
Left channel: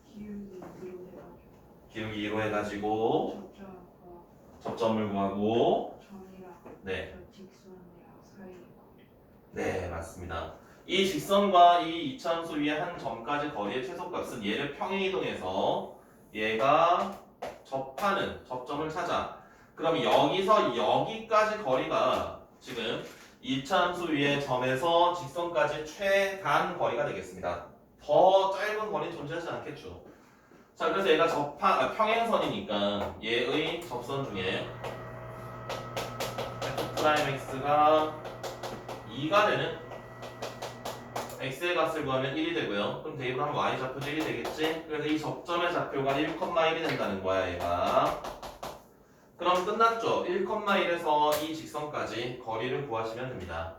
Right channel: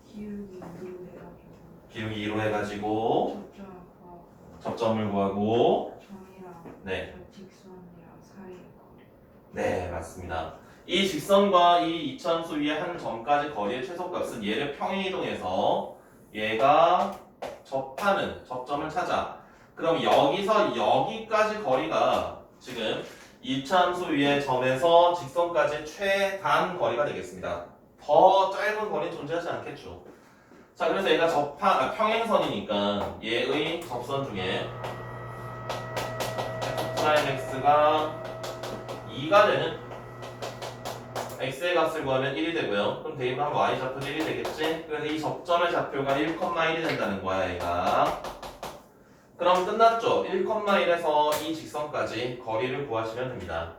기울기 2로 해가지고 기울기 2로 해가지고 접점과 접점을 구하고 점이랑 네, 저 직선이랑 사이 거리. 네 맞습니다. 이 직선과 이 이차함수 위에 한 점까지 거리의 최소값은 얘를 평행이동해서 얘가 접하는 접점을 찾아. 그럼 여기서 여기까지 거리가 지금 이차함수 위의 점에서 직선까지 최단 거리가 되겠습니다. 더 짧은 거리는 존재하지 않겠죠. 자, 그래서 얘가 평행선이니까 얘의 접선 중에 f'x가 2가 되는 x의 값을 구하면 1이 되고요. 그럼 대입을 하면 y 좌표 1이 되겠지? 그래서 이 접점의 좌표가 1,1이 된다는 거야, 얘가. 그럼 끝났죠? 1,1에서 이 직선까지 거리를 구하시면 됩니다.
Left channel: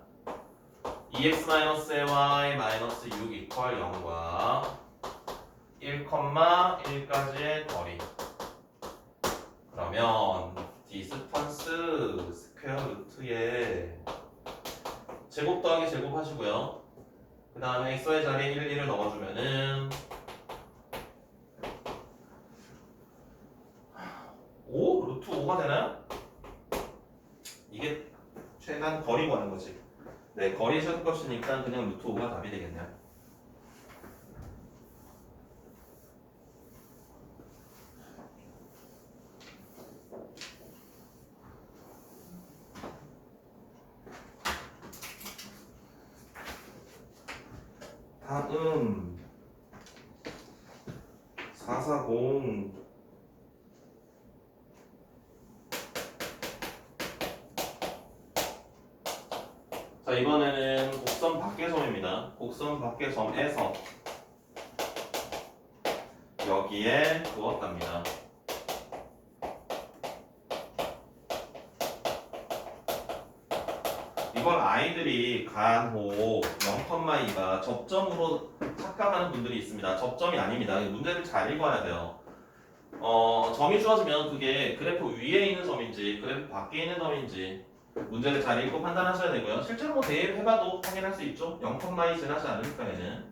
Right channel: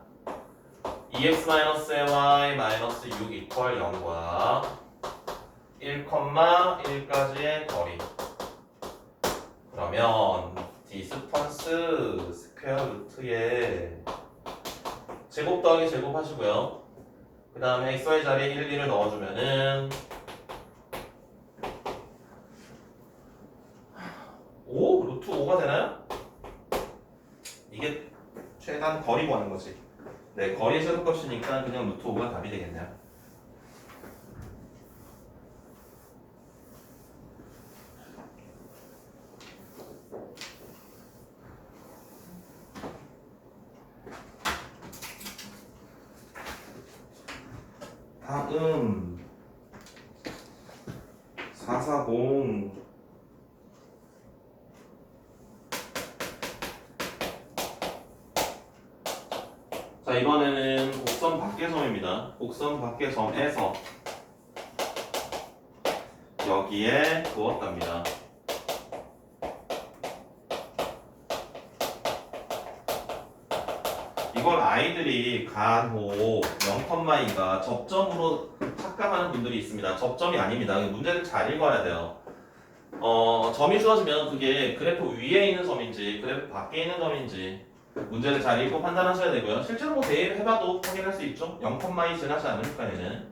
2x-y 6 이퀄 0과 1,1까지의 거리. 그러면 디스턴스 스퀘어 루트에 제곱 더하기 제곱 하시고요. 그 다음에 xy 자리에 1을 넣어주면은 5? 루트 5가 되나요? 이게 최단 거리 구하는 거지. 네, 거리 최소값이니까 그냥 루트 5가 답이 되겠네요. 다음 440 자, 이번에는 곡선 밖의 점입니다. 곡선 밖의 점에서 여기에 부었답니다. 이걸 아이들이 간혹 0,2가 접점으로 착각하는 분들이 있습니다. 접점이 아닙니다. 문제를 잘 읽어야 돼요. 점이 주어지면 그게 그래프 위에 있는 점인지 그래프 밖에 있는 점인지 문제를 잘 읽고 판단하셔야 되고요. 실제로 뭐 대입 해봐도 확인할 수 있죠. 0,2 지나지 않으니까 얘는.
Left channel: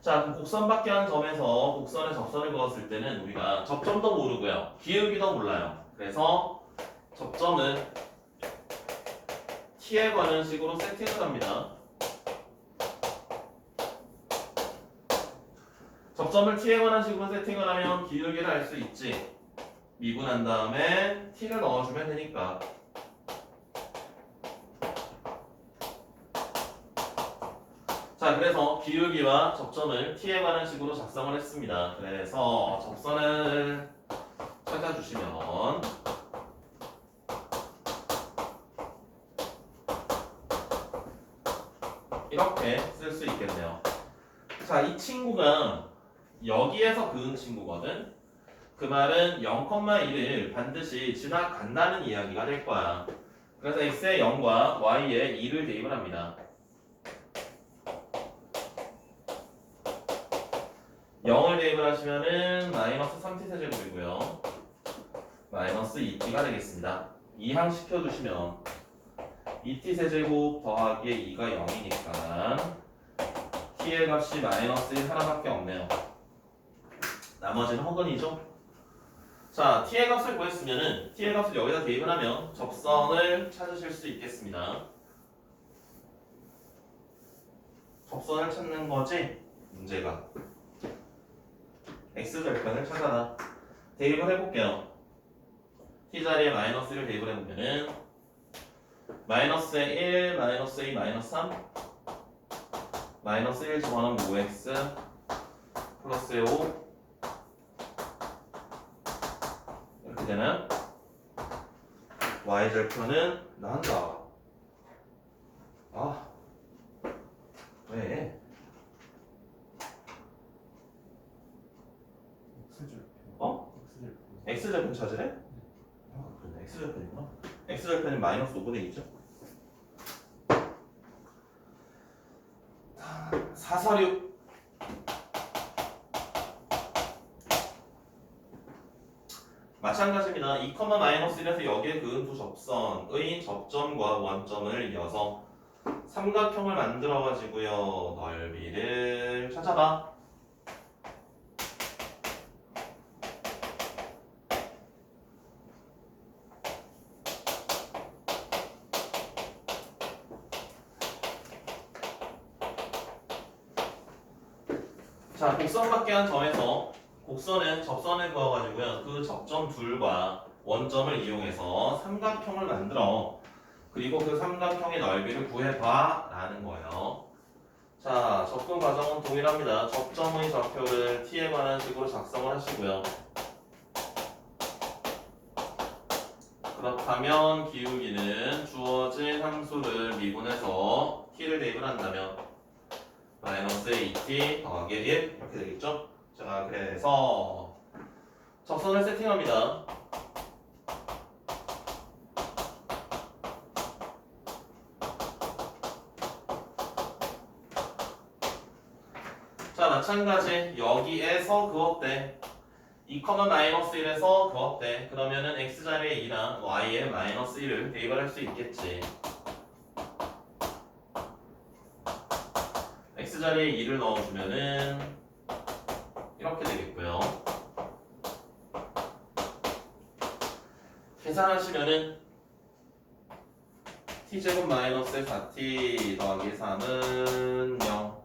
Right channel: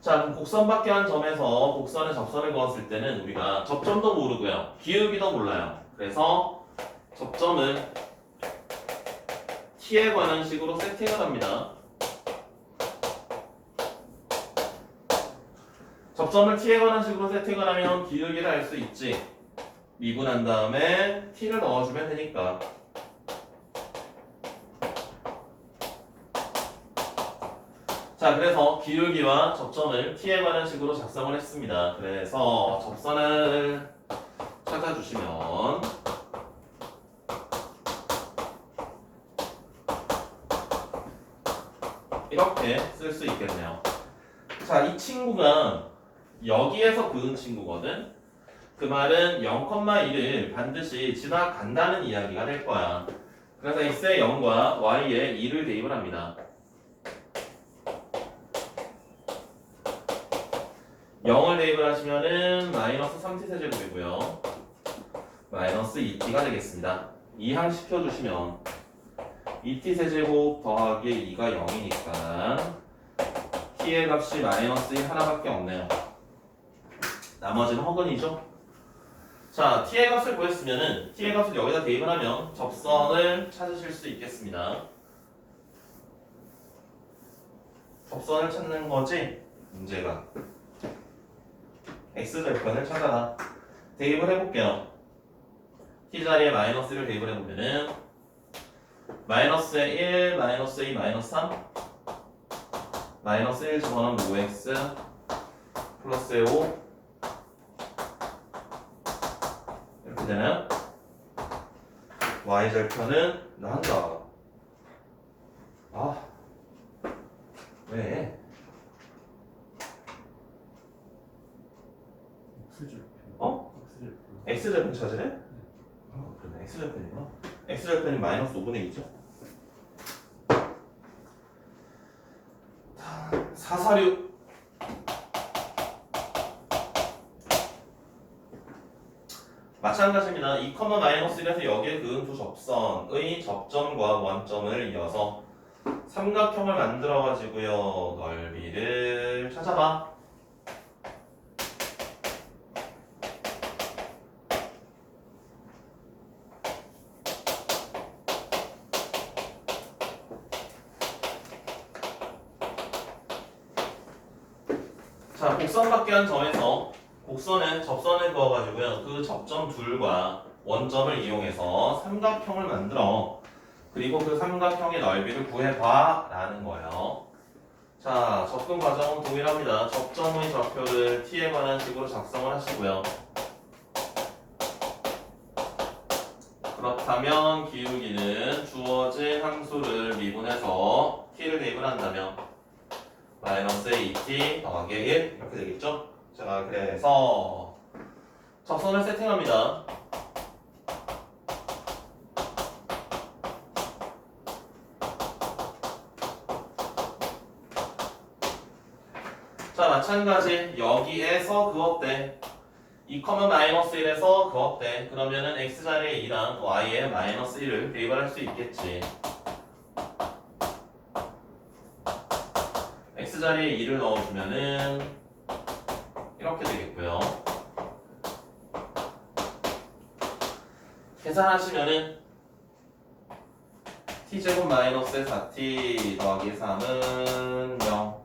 자, 그럼 곡선 밖에 한 점에서 곡선에 접선을 그었을 때는 우리가 접점도 모르고요. 기울기도 몰라요. 그래서 접점을 t에 관한 식으로 세팅을 합니다. 접점을 t에 관한 식으로 세팅을 하면 기울기를 알 수 있지. 미분한 다음에 t를 넣어주면 되니까. 자, 그래서 기울기와 접점을 t에 관한 식으로 작성을 했습니다. 그래서 접선을 찾아주시면 이렇게 쓸 수 있겠네요. 자, 이 친구가 여기에서 그은 친구거든. 그 말은 0,1을 반드시 지나간다는 이야기가 될 거야. 그래서 x의 0과 y의 2를 대입을 합니다. 0을 대입을 하시면은 마이너스 3t 세제곱이고요. 마이너스 2t가 되겠습니다. 이항시켜주시면 2t 세제곱 더하기 2가 0이니까 t의 값이 마이너스 1 하나밖에 없네요. 나머지는 허근이죠. 자, t의 값을 구했으면은 t의 값을 여기다 대입을 하면 접선을 찾으실 수 있겠습니다. 접선을 찾는 거지 문제가. x절편을 찾아라. 대입을 해볼게요. t 자리에 마이너스 1을 대입을 해보면은 마이너스의 1, 마이너스 2, 마이너스 3 마이너스 1 집어넣으면 5x 플러스의 5 이렇게 되는 y절편은 나한다. 아, 왜? 어? x절편 찾으래? 아, 그러네. x절편이구나. x절편이 마이너스 5분의 2죠. 446 마찬가지입니다. 2, 마이너스 1에서 여기에 그은 두 접선의 접점과 원점을 이어서 삼각형을 만들어 가지고요. 넓이를 찾아봐. 자, 곡선 밖에 한 점에서 곡선에 접선을 그어가지고요. 그 접점 둘과 원점을 이용해서 삼각형을 만들어. 그리고 그 삼각형의 넓이를 구해봐 라는 거예요. 자, 접근 과정은 동일합니다. 접점의 좌표를 t에 관한 식으로 작성을 하시고요. 그렇다면 기울기는 주어진 함수를 미분해서 t를 대입을 한다면 마이너스 2t 더하기 1 이렇게 되겠죠? 자, 그래서 접선을 세팅합니다. 자, 마찬가지 여기에서 그었대. 2, 마이너스 1에서 그었대. 그러면은 x자리에 2랑 y에 마이너스 1을 대입을 할 수 있겠지. x자리에 2를 넣어주면은 이렇게 되겠고요. 계산하시면은 t제곱 마이너스 4t 더하기 3은 0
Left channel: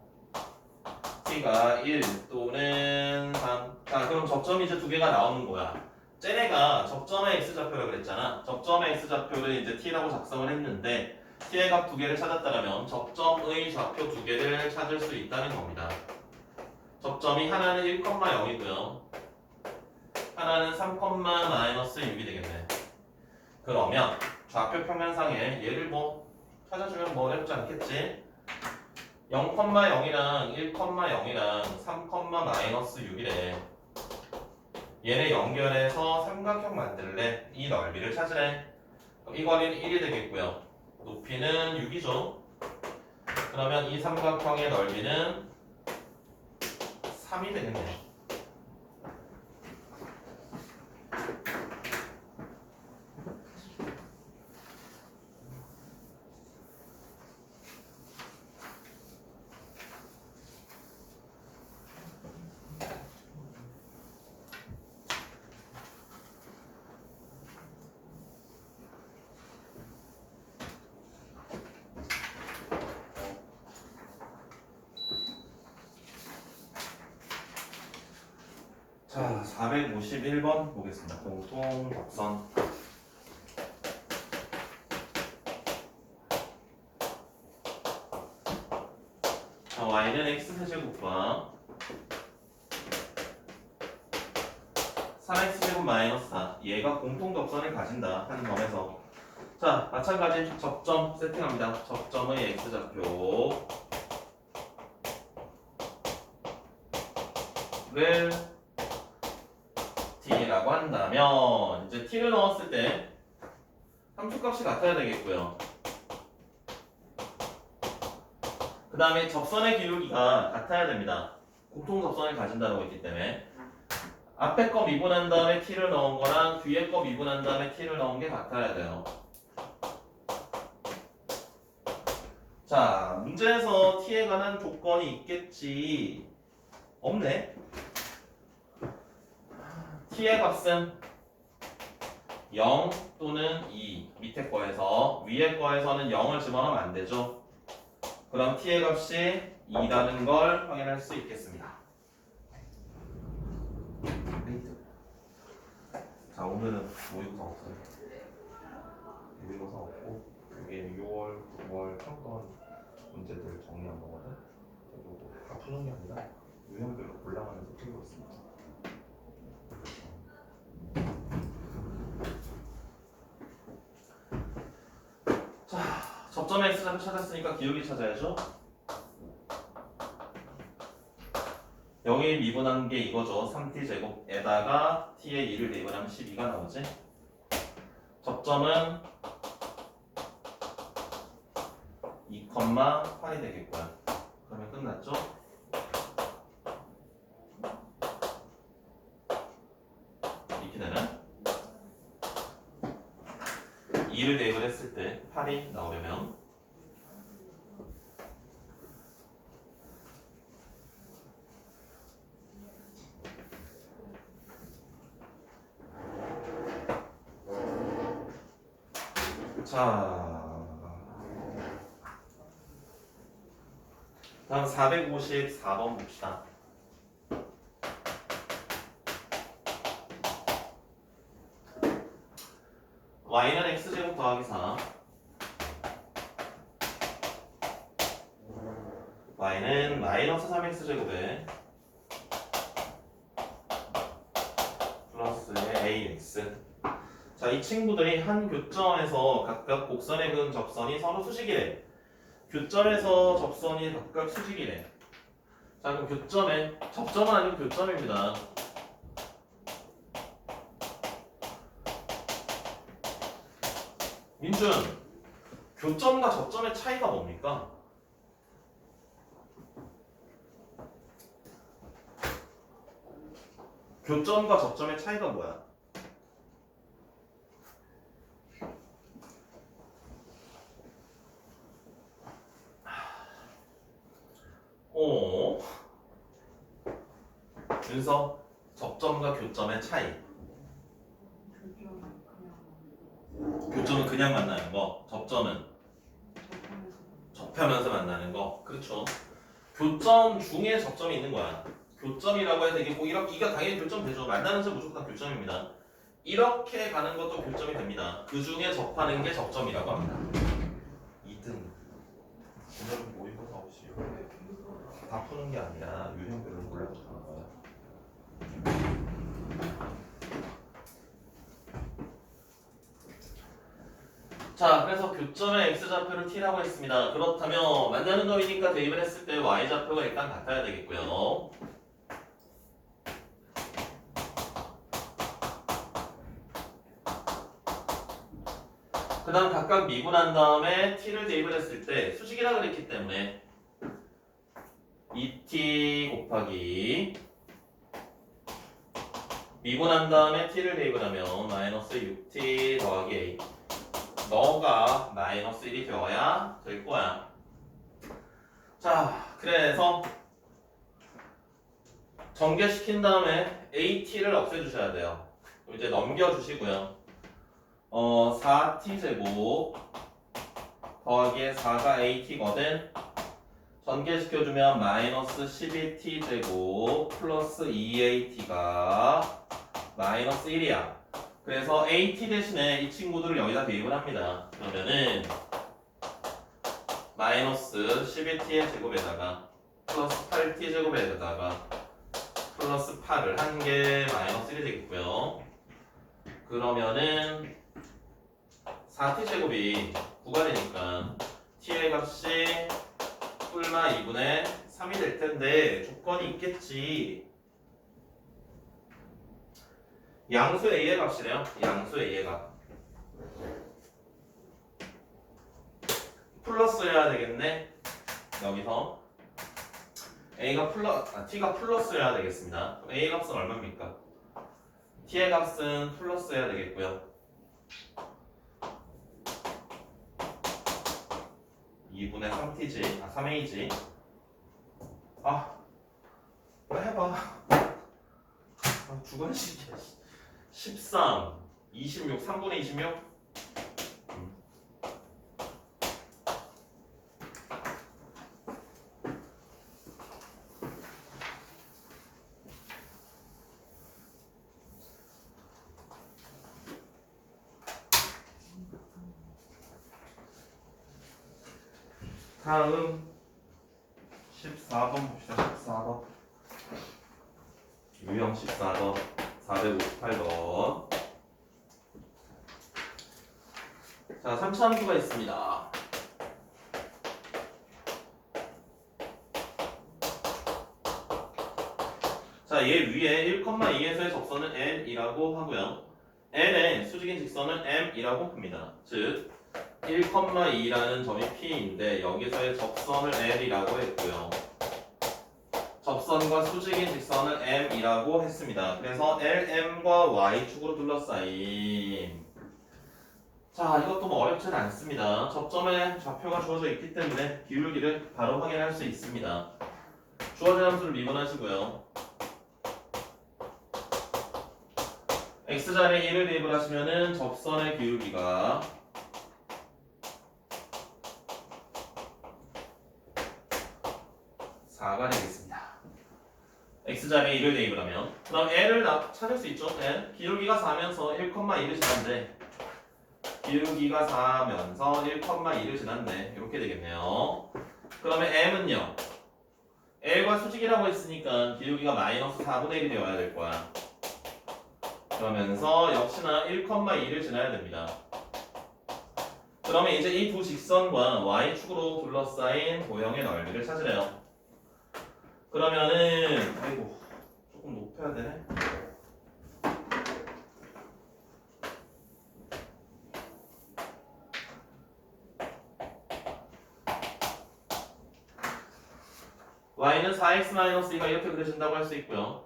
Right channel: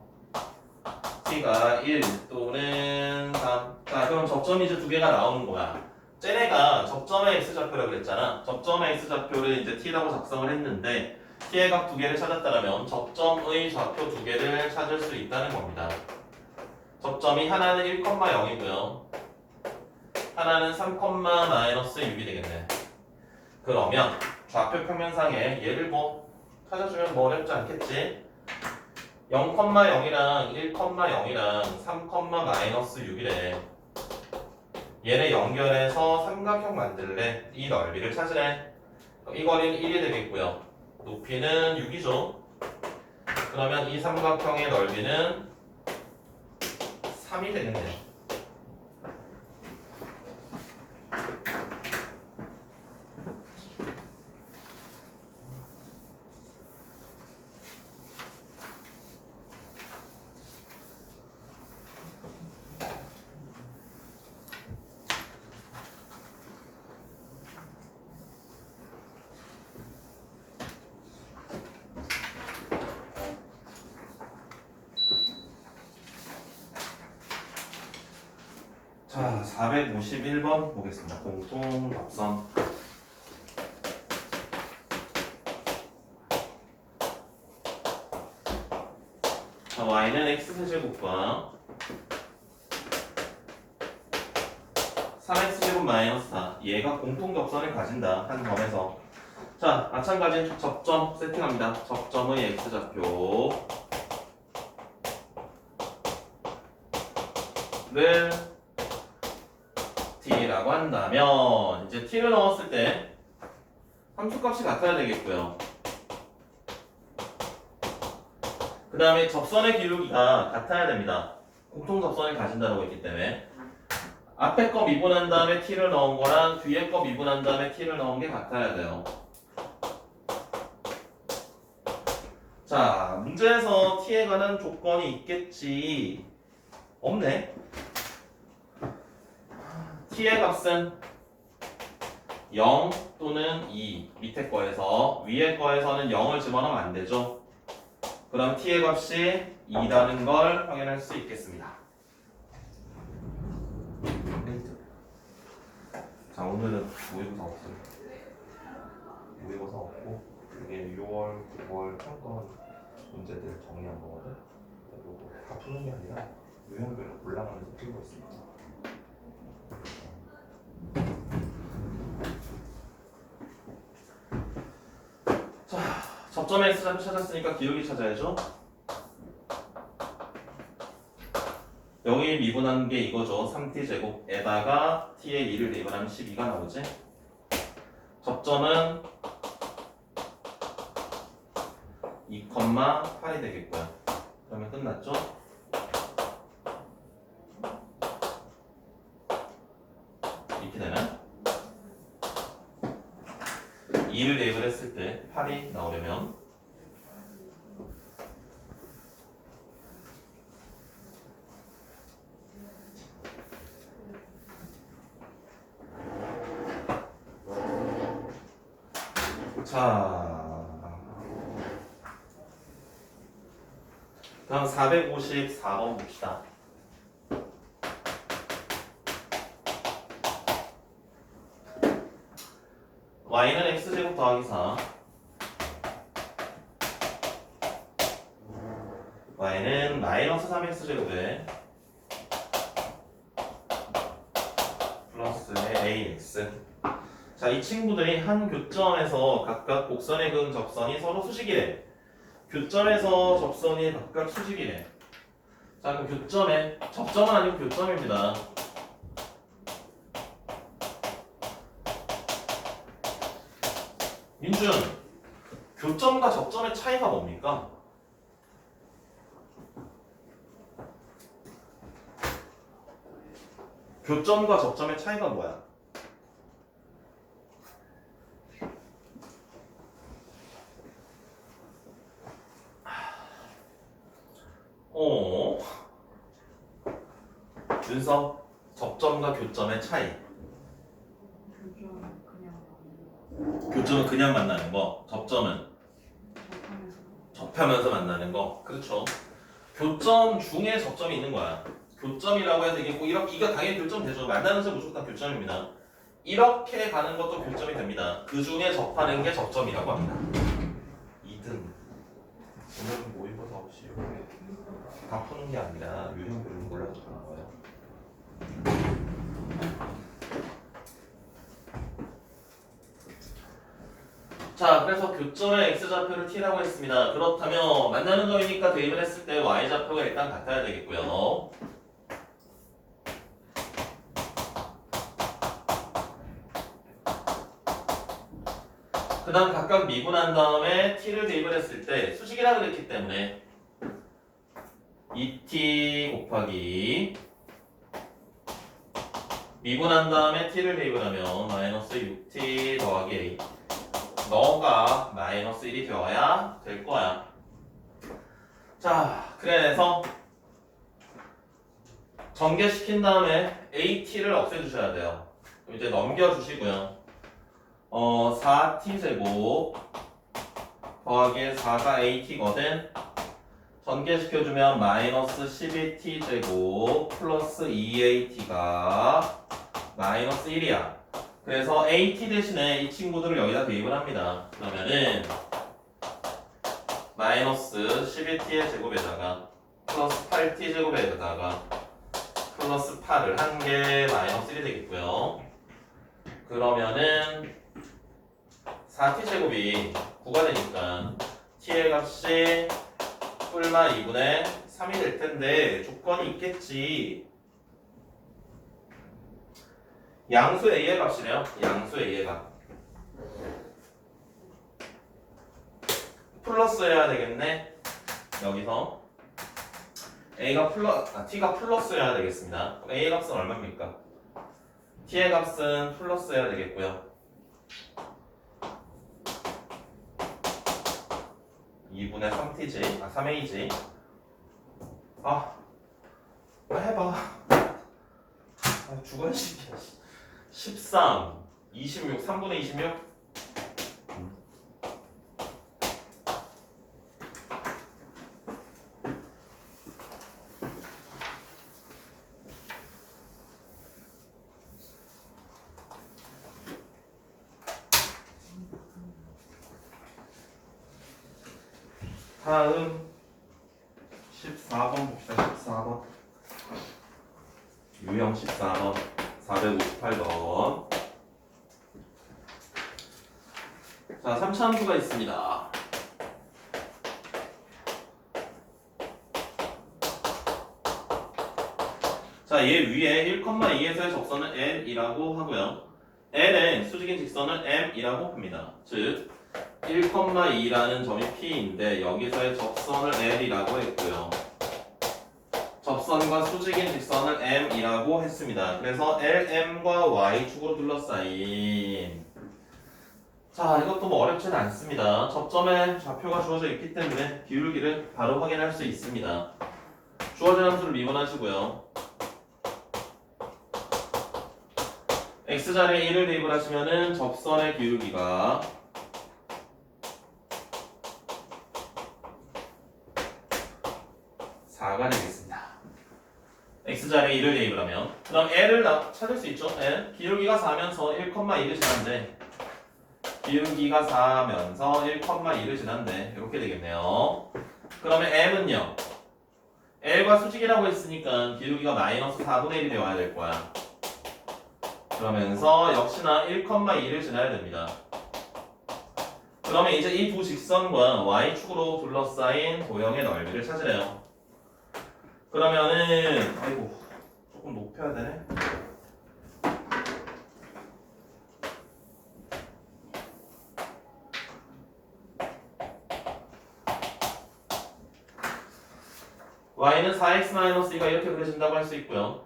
t가 1 또는 3. 자, 그럼 접점이 이제 두 개가 나오는 거야. 쟤네가 접점의 x좌표라고 그랬잖아. 접점의 x좌표를 이제 t라고 작성을 했는데 t의 값 두 개를 찾았다면 접점의 좌표 두 개를 찾을 수 있다는 겁니다. 접점이 하나는 1,0이고요. 하나는 3,-6이 되겠네. 그러면 좌표 평면상에 얘를 뭐 찾아주면 뭐 어렵지 않겠지? 0,0이랑 1,0이랑 3,-6이래. 얘네 연결해서 삼각형 만들래. 이 넓이를 찾으래. 그럼 이 거리는 1이 되겠고요. 높이는 6이죠. 그러면 이 삼각형의 넓이는 3이 되겠네요. 자, 451번 보겠습니다. 공통 접선. 자, y는 x세제곱과 3x제곱 마이너스 4. 얘가 공통 접선을 가진다. 한 점에서. 자, 마찬가지 접점 세팅합니다. 접점의 x좌표를 t라고 한다면 이제 t를 넣었을 때 함수값이 같아야 되겠고요. 그 다음에 접선의 기울기가 같아야 됩니다. 공통 접선을 가진다고 했기 때문에 앞에 거 미분한 다음에 t를 넣은 거랑 뒤에 거 미분한 다음에 t를 넣은 게 같아야 돼요. 자, 문제에서 t에 관한 조건이 있겠지. 없네. t의 값은 0 또는 2 밑에 거에서 위에 거에서는 0을 집어넣으면 안 되죠. 그럼 t의 값이 2라는 걸 확인할 수 있겠습니다. 자, 오늘은 모의고사 없어요. 모의고사 없고 이게 6월, 9월 평가원 문제들 정리한 거거든. 이거 다 푸는 게 아니라 유형별로 올라가면서 풀고 있습니다. 자, 접점의 x좌표 찾았으니까 기울기 찾아야죠. 0일 미분하는 게 이거죠. 3t제곱에다가 t의 2를 대입하면 12가 나오지. 접점은 2,8이 되겠고요. 그러면 끝났죠. 이렇게 되면 2를 대입을 했을 때 8이 나오려면 자, 다음 454번 봅시다. y는 x제곱 더하기 4 y는 마이너스 3x제곱에 플러스의 ax. 자, 이 친구들이 한 교점에서 각각 곡선에 그은 접선이 서로 수직이래. 교점에서 접선이 각각 수직이래. 자, 그럼 교점에 접점은 아니고 교점입니다. 민준, 교점과 접점의 차이가 뭡니까? 교점과 접점의 차이가 뭐야? 준서, 접점과 교점의 차이. 교점은 그냥 만나는 거, 접점은 접하면서 만나는 거. 그렇죠. 교점 중에 접점이 있는 거야. 교점이라고 해서 이게 꼭 이렇게, 이가 당연히 교점 되죠. 만나는 점 무조건 교점입니다. 이렇게 가는 것도 교점이 됩니다. 그 중에 접하는 게 접점이라고 합니다. 2등. 오늘은 모의고사 없이 다 푸는 게 아니라 유형별로 골라서 나와요. 자, 그래서 교점의 x좌표를 t라고 했습니다. 그렇다면 만나는 점이니까 대입을 했을 때 y좌표가 일단 같아야 되겠고요. 그 다음 각각 미분한 다음에 t를 대입을 했을 때 수직이라 그랬기 때문에 2t 곱하기 미분한 다음에 t를 대입을 하면 마이너스 6t 더하기 a 너가 마이너스 1이 되어야 될 거야. 자, 그래서 전개시킨 다음에 AT를 없애주셔야 돼요. 그럼 이제 넘겨주시고요. 4T 제곱 더하기 4가 AT거든. 전개시켜주면 마이너스 12T 제곱 플러스 2AT가 마이너스 1이야. 그래서 AT 대신에 이 친구들을 여기다 대입을 합니다. 그러면은 마이너스 12T의 제곱에다가 플러스 8T 제곱에다가 플러스 8을 한 개 마이너스 1이 되겠고요. 그러면은 4t 제곱이 9가 되니까 t의 값이 뿔마 2분의 3이 될 텐데 조건이 있겠지. 양수 a의 값이래요. 양수 a의 값. 플러스여야 되겠네. 여기서 t가 플러스여야 되겠습니다. 그럼 a의 값은 얼마입니까? t의 값은 플러스여야 되겠고요. 2분의 3t지, 3a지. 해봐. 죽어야지. 13, 26, 3분의 26. 다음 14번 봅시다. 14번 유형 14번 458번. 자, 3차함수가 있습니다. 자, 얘 위에 1,2에서의 접선은 L이라고 하고요. L의 수직인 직선은 M이라고 봅니다. 즉 1,2라는 점이 P인데 여기서의 접선을 L이라고 했고요. 접선과 수직인 직선을 M이라고 했습니다. 그래서 LM과 Y축으로 둘러싸인. 자, 이것도 뭐 어렵지는 않습니다. 접점에 좌표가 주어져 있기 때문에 기울기를 바로 확인할 수 있습니다. 주어진 함수를 미분하시고요. X자리에 1을 대입을 하시면은 접선의 기울기가 4가 되겠습니다. X자리에 1을 대입을 하면 그 다음 L을 찾을 수 있죠. L 기울기가 4면서 1,2를 지난데 기울기가 4면서 1,2를 지난데 이렇게 되겠네요. 그러면 M은요 L과 수직이라고 했으니까 기울기가 마이너스 4분의 1이 되어야 될 거야. 그러면서 역시나 1,2를 지나야 됩니다. 그러면 이제 이 두 직선과 Y축으로 둘러싸인 도형의 넓이를 찾으래요. 그러면은 조금 높여야 되네. Y는 4x-2가 이렇게 그려진다고 할 수 있고요.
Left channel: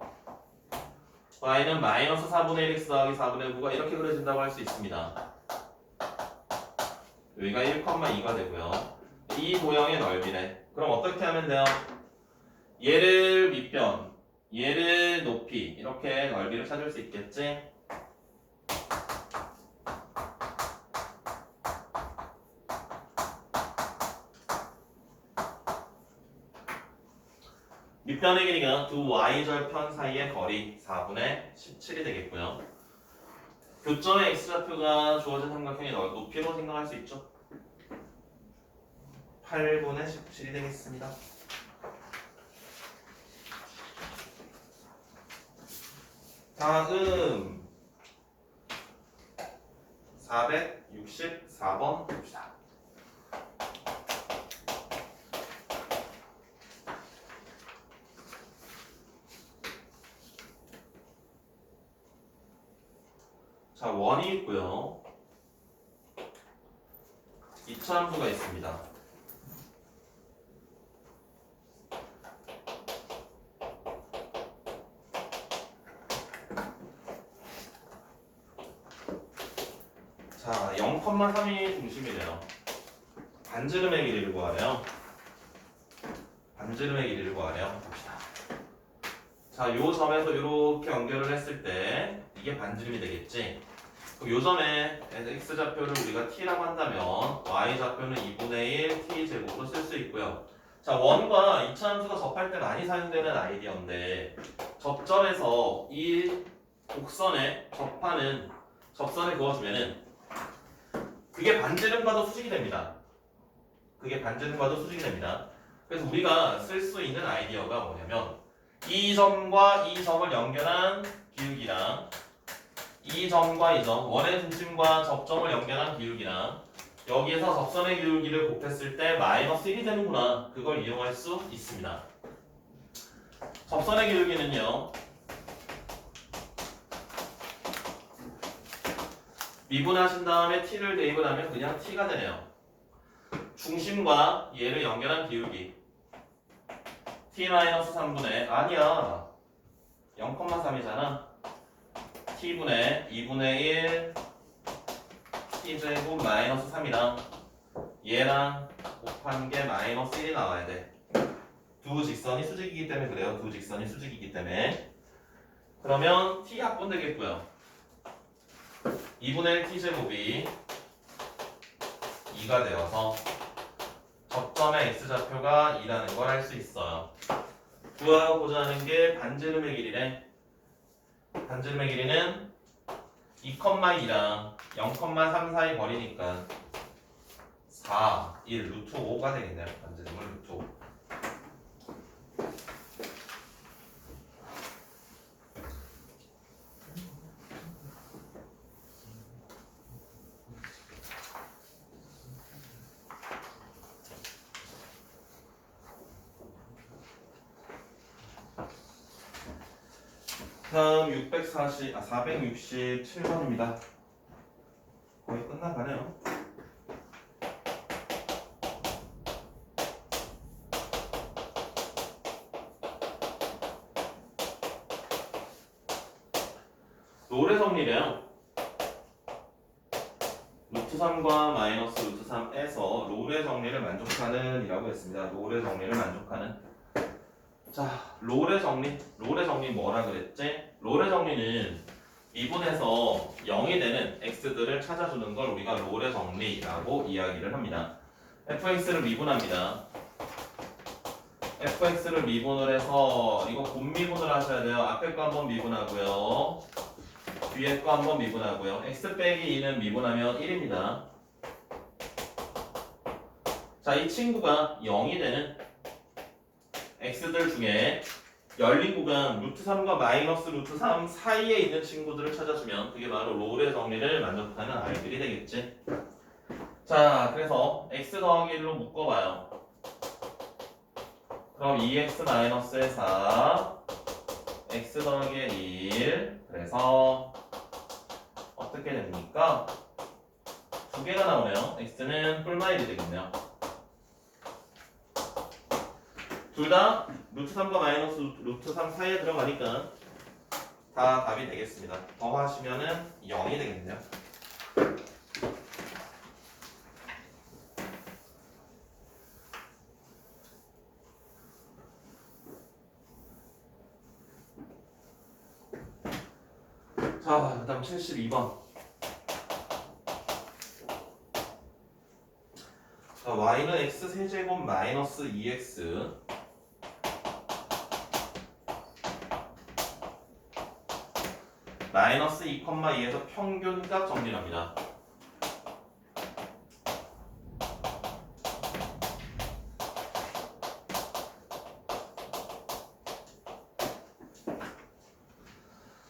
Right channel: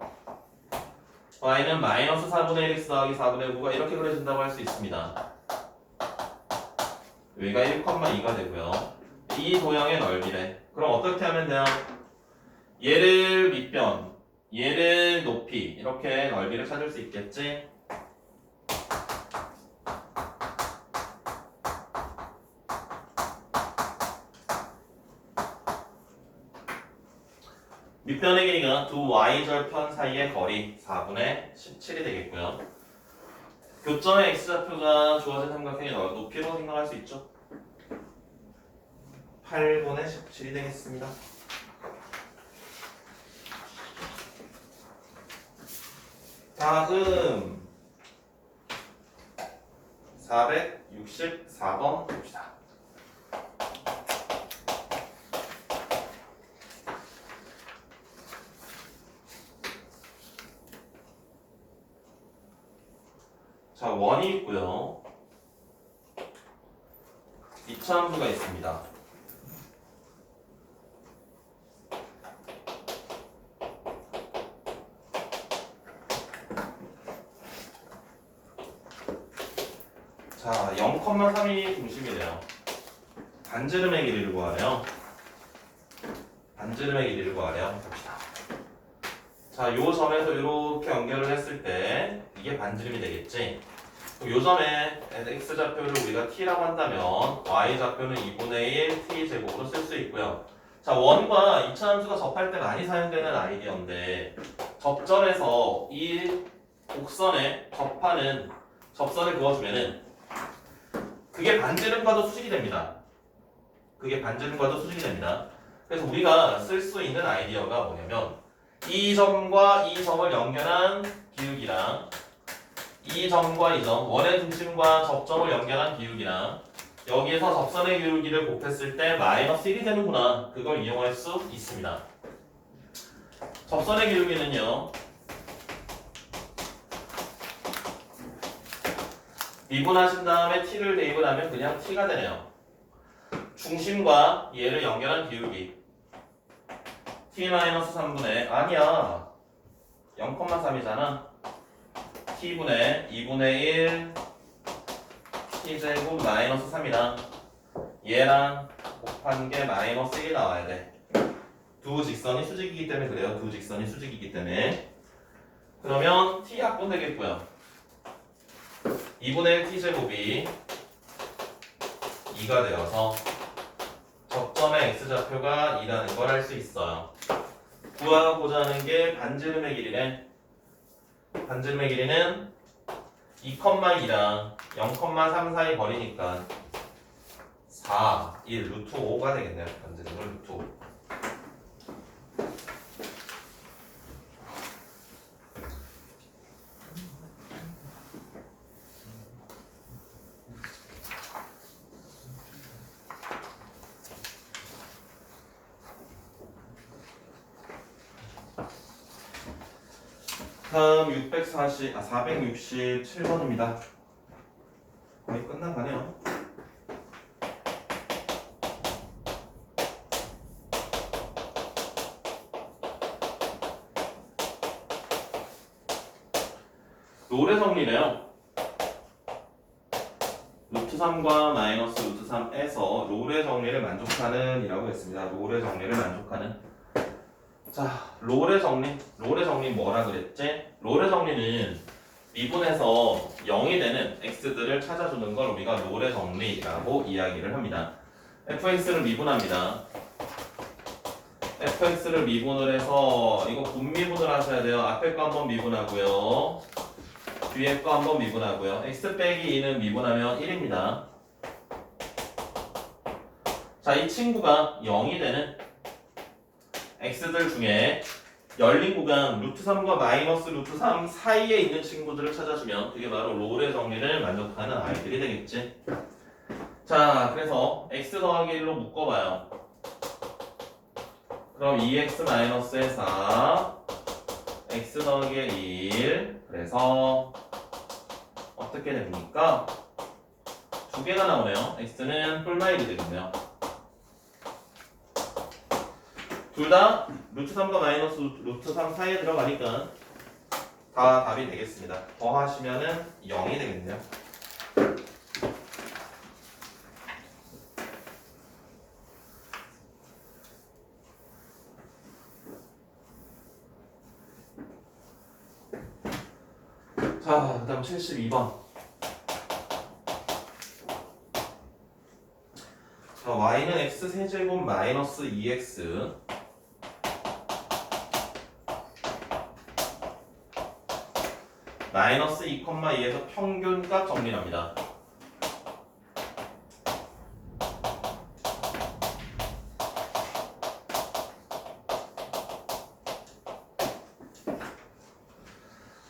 Y는 마이너스 4분의 1x 더하기 4분의 9가 이렇게 그려진다고 할 수 있습니다. 여기가 1,2가 되고요. 이 도형의 넓이래. 그럼 어떻게 하면 돼요? 얘를 밑변, 얘를 높이 이렇게 넓이를 찾을 수 있겠지? 밑변의 길이가 두 y절편 사이의 거리 4분의 17이 되겠고요. 교점의 x좌표가 주어진 삼각형의 높이로 생각할 수 있죠. 8분의 17이 되겠습니다. 다음 464번 봅시다. 자, 원이 있고요. 이차함수가 있습니다. 자, 0,3이 중심이래요. 반지름의 길이를 구하래요. 반지름의 길이를 구하래요. 봅시다. 자, 요 점에서 이렇게 연결을 했을 때 이게 반지름이 되겠지. 요 점에 x좌표를 우리가 t라고 한다면 y좌표는 2분의 1 t제곱으로 쓸 수 있고요. 자, 원과 이차함수가 접할 때 많이 사용되는 아이디어인데 접점에서 이 곡선에 접하는 접선을 그어주면은 그게 반지름과도 수직이 됩니다. 그게 반지름과도 수직이 됩니다. 그래서 우리가 쓸 수 있는 아이디어가 뭐냐면 이 점과 이 점을 연결한 기울기랑 이 점과 이 점, 원의 중심과 접점을 연결한 기울기랑 여기에서 접선의 기울기를 곱했을 때 마이너스 1이 되는구나. 그걸 이용할 수 있습니다. 접선의 기울기는요. 미분하신 다음에 t를 대입을 하면 그냥 t가 되네요. 중심과 얘를 연결한 기울기 t-3분의 아니야 0,3이잖아. t분의 2분의 1 t제곱 마이너스 3이랑 얘랑 곱한 게 마이너스 1이 나와야 돼. 두 직선이 수직이기 때문에 그래요. 두 직선이 수직이기 때문에. 그러면 t 합분 되겠고요. 2분의 1 t제곱이 2가 되어서 접점의 x좌표가 2라는 걸 알 수 있어요. 구하고자 하는 게 반지름의 길이래. 반지름의 길이는 2,2랑 0,3 사이 거리니까 4, 1, 루트 5가 되겠네요. 반지름은 루트 5. 다음 467번입니다. 거의 끝나가네요. 롤의 정리래요. 루트 3과 마이너스 루트 3에서 롤의 정리를 만족하는 이라고 했습니다. 롤의 정리를 만족하는. 자, 롤의 정리 뭐라 그랬지? 롤의 정리는 미분해서 0이 되는 x들을 찾아주는 걸 우리가 롤의 정리라고 이야기를 합니다. fx를 미분합니다. fx를 미분을 해서 이거 분미분을 하셔야 돼요. 앞에 거 한번 미분하고요. 뒤에 거 한번 미분하고요. x 빼기 2는 미분하면 1입니다. 자, 이 친구가 0이 되는 x들 중에 열린 구간 루트 3과 마이너스 루트 3 사이에 있는 친구들을 찾아주면 그게 바로 롤의 정리를 만족하는 아이들이 되겠지. 자, 그래서 x 더하기 1로 묶어봐요. 그럼 2x 마이너스의 4 x 더하기 1 그래서 어떻게 됩니까? 두 개가 나오네요. x는 뿔마일이 되겠네요. 둘 다 루트 3과 마이너스 루트 3 사이에 들어가니까 다 답이 되겠습니다. 더하시면은 0이 되겠네요. 자, 그 다음 72번. 자, y는 x 세제곱 마이너스 2x 마이너스 2,2에서 평균값 정리합니다.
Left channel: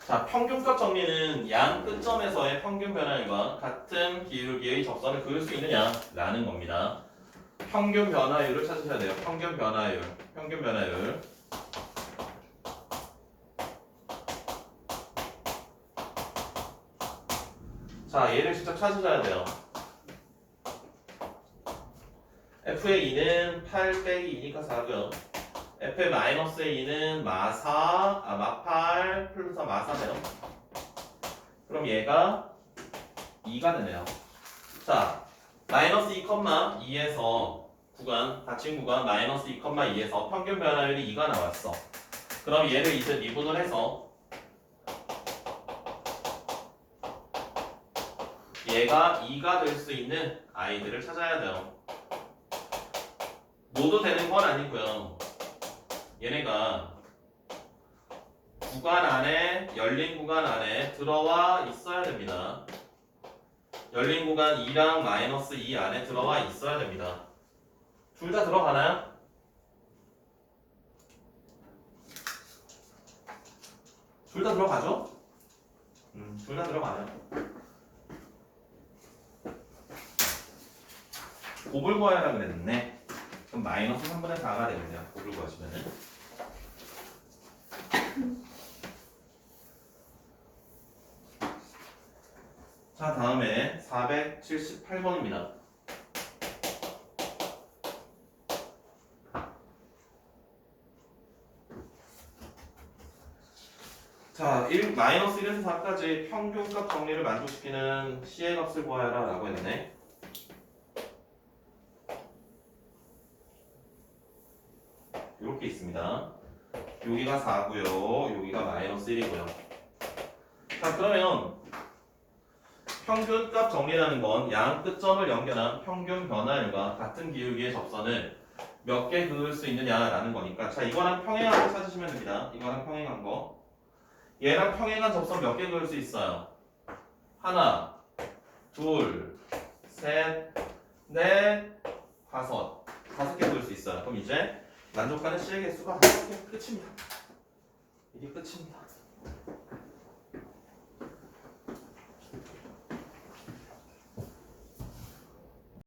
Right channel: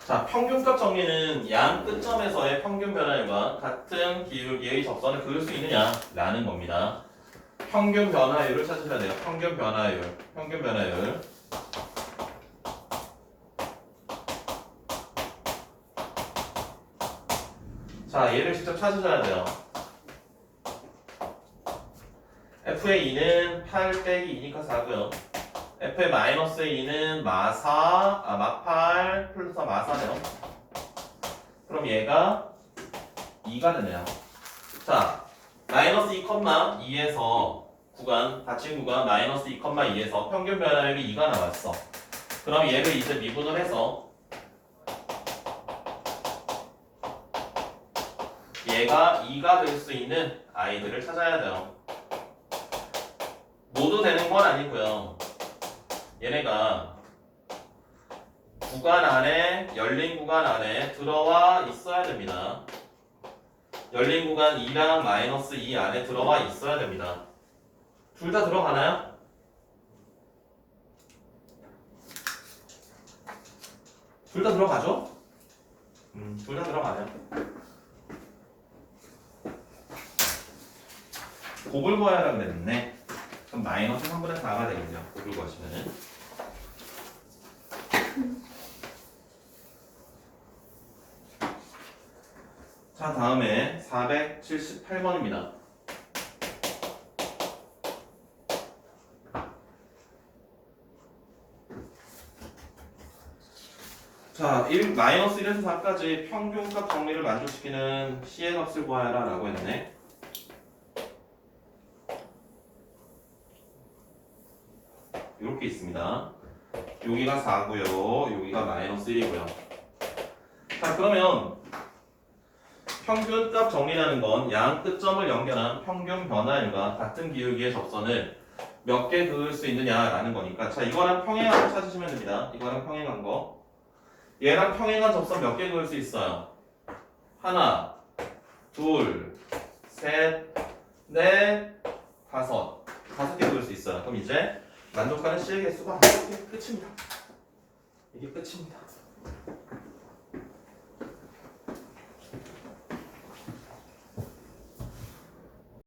자, 평균값 정리는 양 끝점에서의 평균 변화율과 같은 기울기의 접선을 그을 수 있느냐라는 겁니다. 평균 변화율을 찾으셔야 돼요. 평균 변화율. 평균 변화율. 자, 얘를 직접 찾으셔야 돼요. f의 2는 8 빼기 2니까 4고요. f의 마이너스의 2는 마8 플러스 마4네요. 그럼 얘가 2가 되네요. 자, 마이너스 2,2에서 구간, 닫힌 구간 마이너스 2,2에서 평균 변화율이 2가 나왔어. 그럼 얘를 이제 미분을 해서 얘가 2가 될 수 있는 아이들을 찾아야 돼요. 모두 되는 건 아니고요. 얘네가 구간 안에, 열린 구간 안에 들어와 있어야 됩니다. 열린 구간 2랑 마이너스 2 안에 들어와 있어야 됩니다. 둘 다 들어가나요? 둘 다 들어가죠? 둘 다 들어가요. 곱을 구하라 그랬네. 그럼 마이너스 3분의 4가 되겠네요. 곱을 구하시면은. 자, 다음에 478번입니다. 자, 마이너스 1에서 4까지 평균값 정리를 만족시키는 C의 값을 구하여라 라고 했네. 이렇게 있습니다. 여기가 4고요. 여기가 마이너스 1이고요. 자, 그러면 평균값 정리라는 건 양 끝점을 연결한 평균 변화율과 같은 기울기의 접선을 몇 개 그을 수 있느냐라는 거니까, 자, 이거랑 평행한 거 찾으시면 됩니다. 이거랑 평행한 거. 얘랑 평행한 접선 몇 개 그을 수 있어요? 하나, 둘, 셋, 넷, 다섯. 5개 그을 수 있어요. 그럼 이제 만족하는 C의 개수가 5개 끝입니다. 이게 끝입니다.